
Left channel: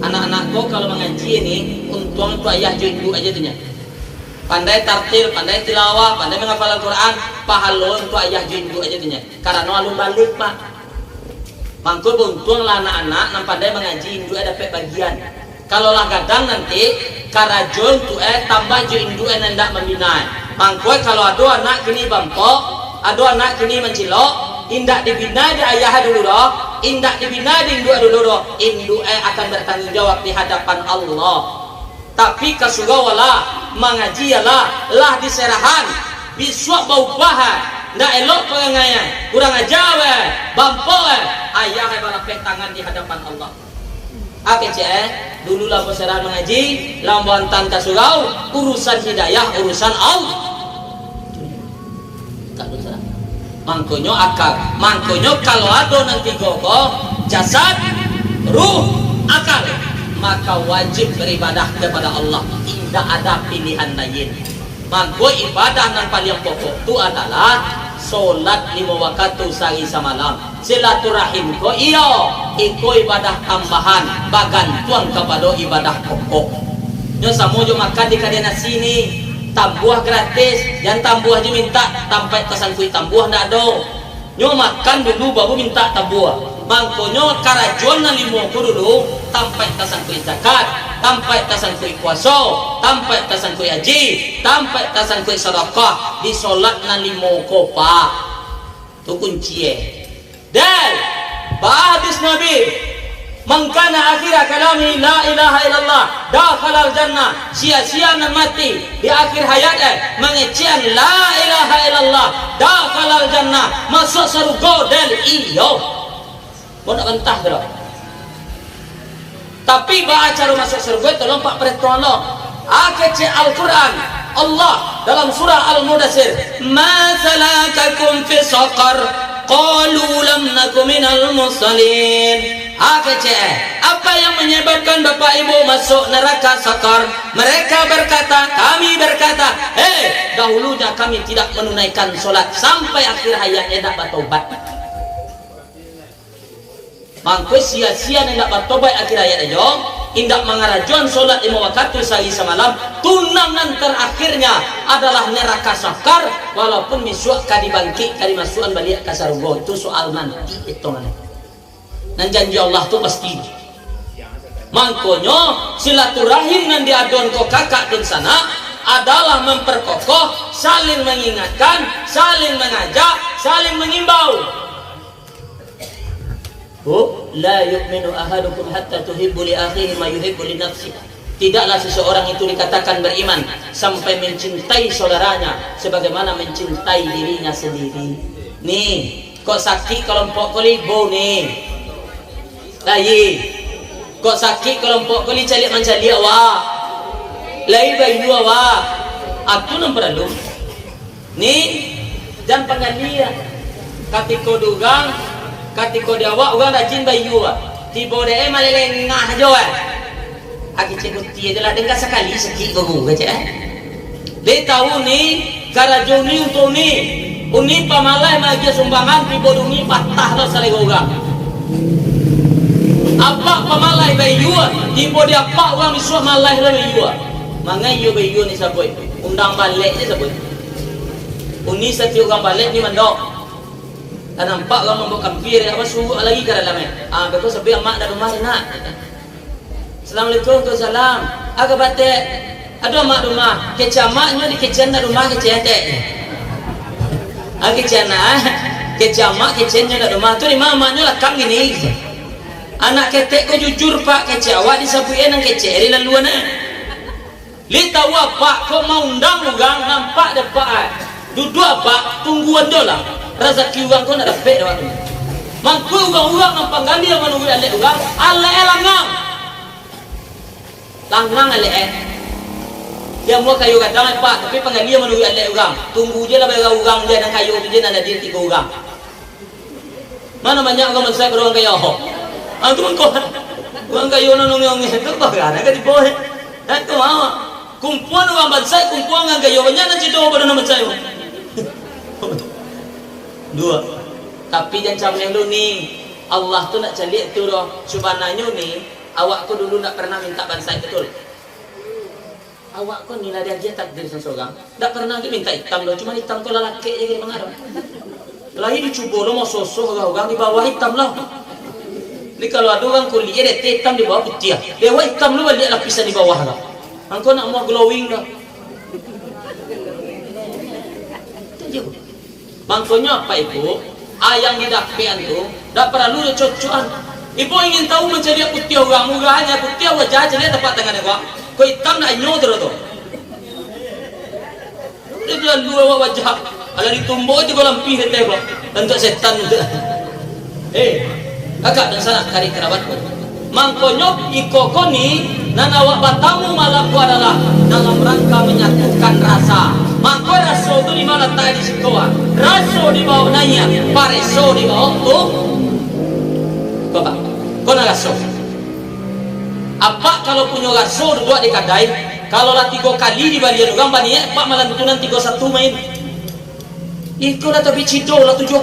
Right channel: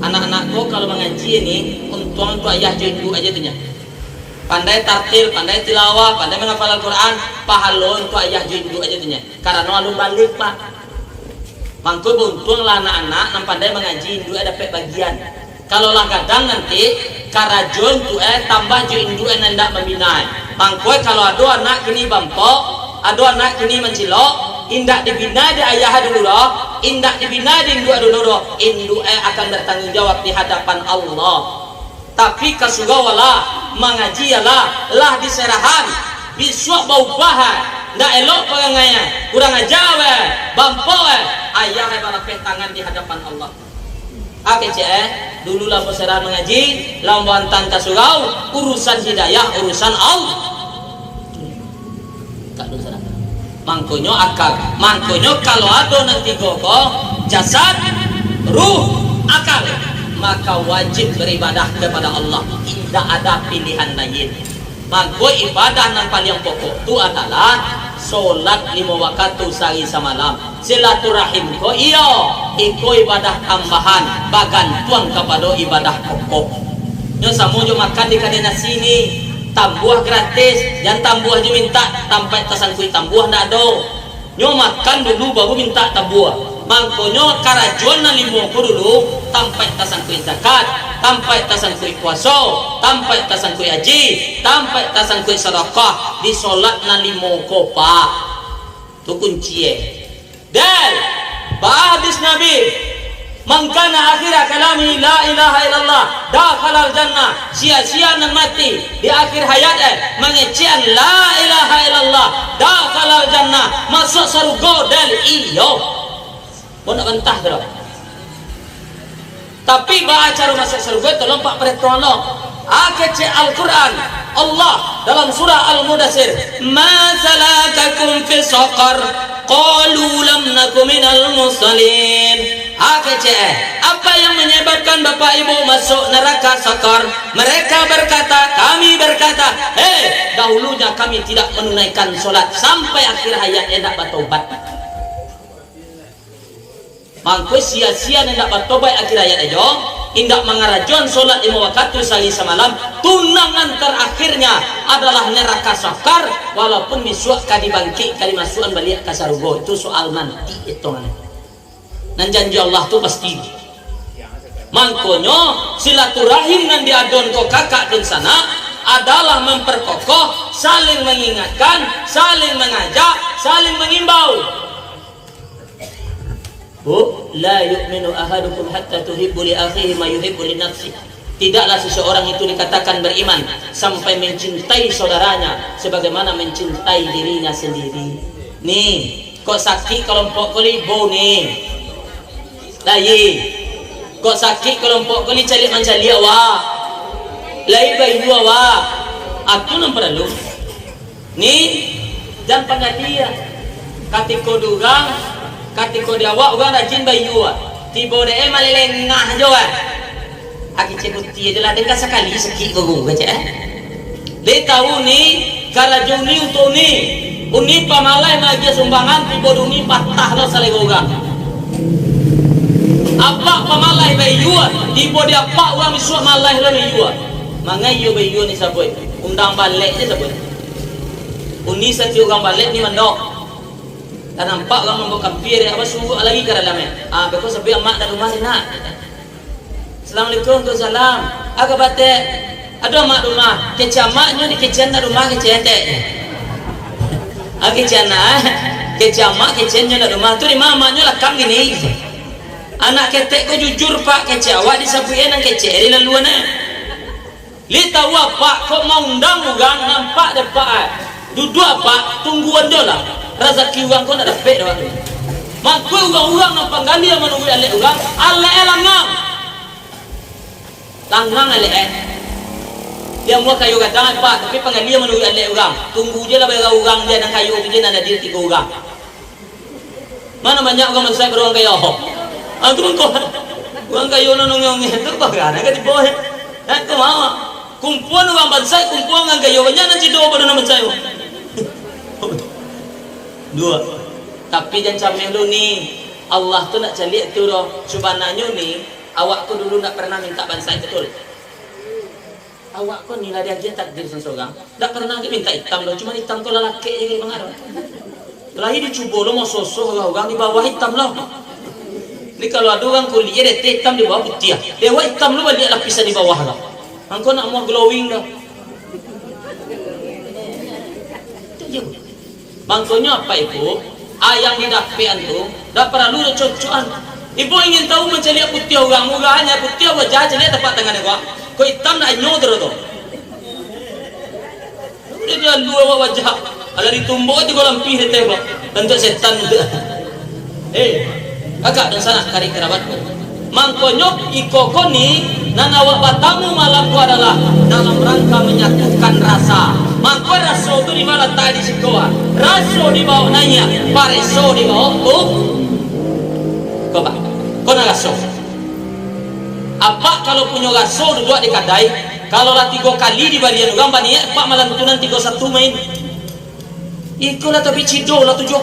Anak-anakku kalau mengaji ini untung tu ayah jenggu aja tuh nya. Pandai tartil, pandai tilawah, pandai menghafal Al-Quran, pahala untuk ayah jenggu aja tuh nya. Karena alun balik pak. Mangkul buntung lah anak-anak yang pandai mengaji induk dapat bagian. Kalau lah kadang nanti karajon tu tambah jo induk hendak membina. Mangkul kalau ada anak kini bampok, ada anak kini mencilok, indak dibina di ayah dulu loh, indak dibina di induk dulu loh, induk akan bertanggung jawab di hadapan Allah. Tapi kasugawala mengaji lah diserahan, biswa bau bahan, ndak elok pengaya, kurang ajawe, bampok ayah balapek tangan di hadapan Allah. Dulu lampu serah mengaji, lampu antan kasugau, urusan hidayah, urusan Allah. Mangkonyo akal, mangkonyo kalau ada nanti gogo jasad, ruh, akal, maka wajib beribadah kepada Allah. Tidak ada pilihan lain. Mangko ibadah yang paling pokok itu adalah solat 5 waktu sehari semalam. Silaturahim ko iyo, iko ibadah tambahan, bagantuan kepada ibadah pokok. Nyo samujo makan di kadena sini. Tambuah gratis, dan tambuah dia minta sampai tasan kui tambuah ndak do. Nyo makan dulu baru minta tambuah. Mangkonyo karajon na limo ko dulu sampai tasan kui zakat, sampai tasan kui puasa, sampai tasan kui haji, sampai tasan kui sedekah di salat na limo ko pak. Tu kunci Dan hadis Nabi Mangkana akhirah kalami la ilaha illallah dakhalal jannah. Sia-sia nan mati di akhir hayat mengecian la ilaha illallah dakhalal jannah, masuk surga del iyo. Bonak bentah bro. Tapi ba acara masuk surga tolong pak peretono. Akece Al-Qur'an Allah dalam surah Al-Mudaththir, ma salakakum fi saqar qalu lam nakum minal musallin. Apa yang menyebabkan bapak ibu masuk neraka sakar? Mereka berkata, kami berkata, dahulunya kami tidak menunaikan solat sampai akhir hayat hendak bertobat. Mangko sia-sia hendak bertobat akhir hayat aja, hendak mengarajon solat 5 waktu sehari semalam. Tunangan terakhirnya adalah neraka sakar, walaupun misuak kadi bangkit kadi masukan balik ke surga. Itu soal nanti hitungan. Dan janji Allah tu pasti. Mangkonyo silaturahim yang diadon ko kakak dan sana adalah memperkokoh, saling mengingatkan, saling mengajak, saling mengimbau. La yu'minu ahadukum hatta tuhibbu li akhihi ma yuhibbu li nafsihi. Tidaklah seseorang itu dikatakan beriman sampai mencintai saudaranya sebagaimana mencintai dirinya sendiri. Nih, kok sakit kelompok kolibo nih. Lain kok sakit kelompok kali calik mencari awak lain bayu awak aku nampak lalu ni dan pengadia katiko dugang katiko dia awak orang rajin bayu awak tiba dia malelengah aja aki cekut dia adalah dengar sekali sakit bagung kacak dia tahu ni karajong ni untuk ni uni pamalai lagi sumbangan tiba duni patah lo salai gogang apa pamalai bayua tiba dia pak orang misuak malai lo bayua mangai yo bayua ni saboi undang balik je saboi uni sati orang balik ni mandok kan nampak orang membuka kampir apa suruh lagi ke dalamnya beko sampai mak dan rumah nak Assalamualaikum tu salam agak batek ada mak rumah kecamaknya di kecana rumah kecete kecana kecamak kecenya rumah tu di mamanya lakam gini anak ketek ko jujur pak kece awak disapuin nang kece di laluan li tahu apa kok mau undang ugang nampak depan duduk apa tungguan dola rezeki uang kau nak dapat doa tu mangku uang apa gali yang menunggu alek uang alek langang alek dia mau kayu kadang pak tapi penggali yang menunggu alek uang tunggu je lah bela uang dia dan kayu tu je nak ada 3 uang mana banyak orang masuk ke ruang kayu aku mengkau orang kayu nonong itu bagaimana kan di bawah aku mau kumpulan orang bangsa kumpulan orang kayu banyak nanti doa pada nama saya 2 Tapi jangan sampai lu nih, Allah tuh nak calik tu doh. Subhananya nih, awak tu dulu nak pernah minta bansai betul. Awak kau nilai dia takdir seseorang. Tak pernah ke minta hitam doh, cuma hitam kau lelaki je ke pengaruh. Lagi dicuba lo mau sosok orang di bawah hitam lah. Ini kalau ada orang kulit dia hitam di bawah putih. Dewa hitam lu balik lapisan di bawah lah. Engkau nak mau glowing dah. Makanya apa itu? Ayang di dapean tu, tak perlu cocokan. Ibu ingin tahu macam dia putih orang, murahnya putih wajah jadi tepat tangan orang. Kau hitam nak nyodro tu. Dia luar wajah. Ada ditumbuk di kolam pi dia tengok. Tentu setan tu. Agak dan sana kari kerabatku. Mangkonyo iko koni dan awak batamu malam ku adalah dalam rangka menyatukan rasa. Mangko raso tu di mana tadi sekolah. Raso di bawah nanya, pareso di bawah tu. Kau nak raso? Apa kalau punya raso dua di kadai? Kalau lah 3 kali di balian orang baniak, pak malam tu nanti 3-1 main. Iko lah tapi cido lah 7-0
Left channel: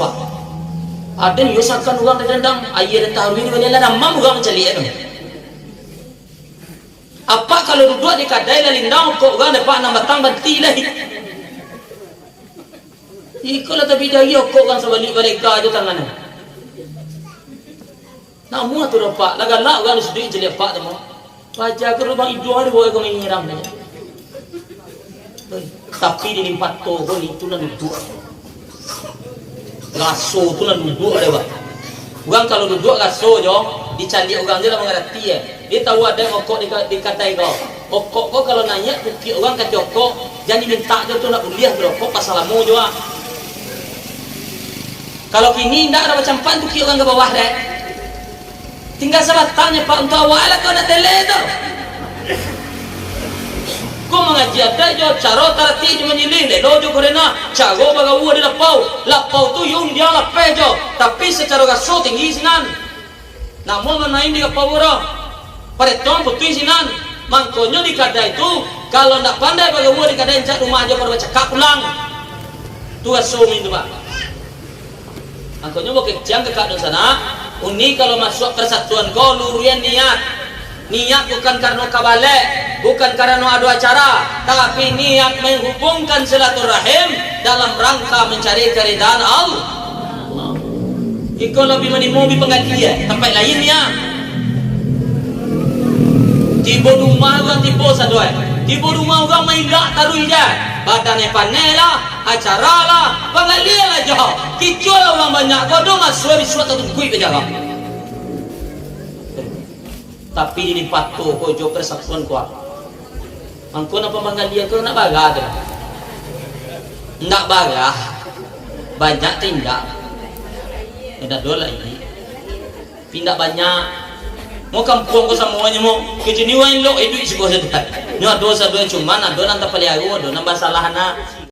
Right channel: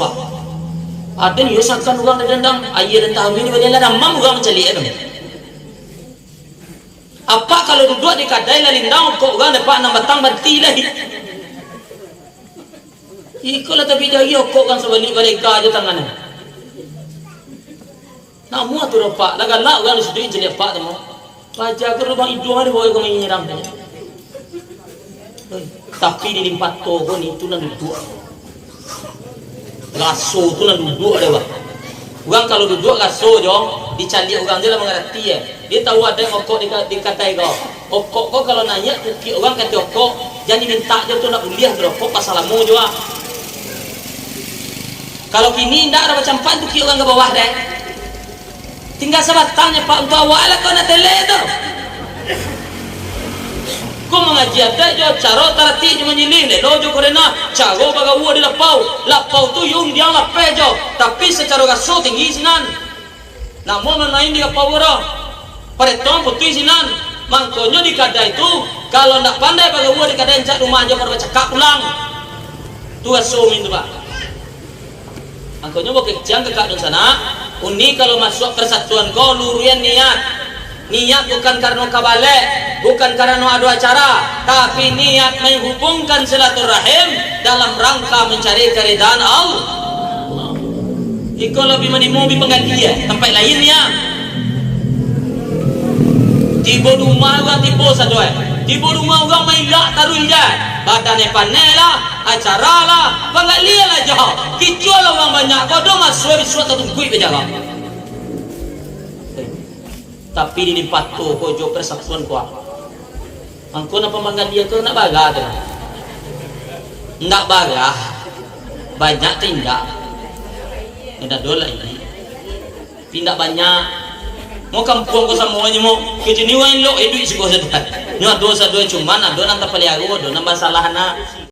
wah. Ada ni usahakan orang dendam ayah dan tahun ini beliau lah mam orang mencari itu. Apa kalau duduk di kadai lalu nang kok orang dapat nang batang banti lagi. Ikulah tapi jauh kok orang sebalik balik aja tangannya. Namun tu dapat lagalak orang disudui jadi apa tu mau. Raja ke rumah itu hari boleh kau nyiram tu. Tapi di limpat tu kau ni tu nak duduk. Raso tu lah duduk ada bang. Orang kalau duduk raso jong dicari orang je lah mengerti ya. Dia tahu ada okok di kadai kau. Okok kau kalau nanya tu orang kata okok jangan minta je tu nak kuliah berokok pasal lama juga. Kalau kini tidak ada macam pan tu orang ke bawah deh. Tinggal sahabat tanya pak untuk awak lah kau nak tele tu. Kau mengaji apa je cara tarati je menyiling le dojo korena caro baga uwa di lapau tu yung dia lape je tapi secara raso tinggi sinan namun menaik di lapau orang pada tuan putih sinan mangkonya di kadai itu kalau nak pandai baga uwa di kadai cak rumah aja baru cakap pulang tu raso itu pak mangkonya bukit jang ke kadang sana uni kalau masuk persatuan kau lurian niat bukan karena kabale, bukan karena adu acara, tapi niat menghubungkan silaturahim dalam rangka mencari keridhaan Allah. Iko lebih menimu di pengadilan tempat lainnya. Tiba rumah orang tiba sadoi, tiba rumah orang main lak taruh je, badannya panela, acara lah, pengadilan lah jauh. Kicau lah orang banyak, kau dong asal suatu tungkui berjaga. Tapi di limpat tu kojo persatuan kuat. Angko nak pemanggal dia tu nak bagah tu. Nak bagah. Banyak tindak. Tidak dola ini. Tindak banyak. Mau kampung ko semuanya mau kejeniwan lo itu isi ko sedang. Nyo dosa dua cuman ado nang tapaliago do nang basalahan na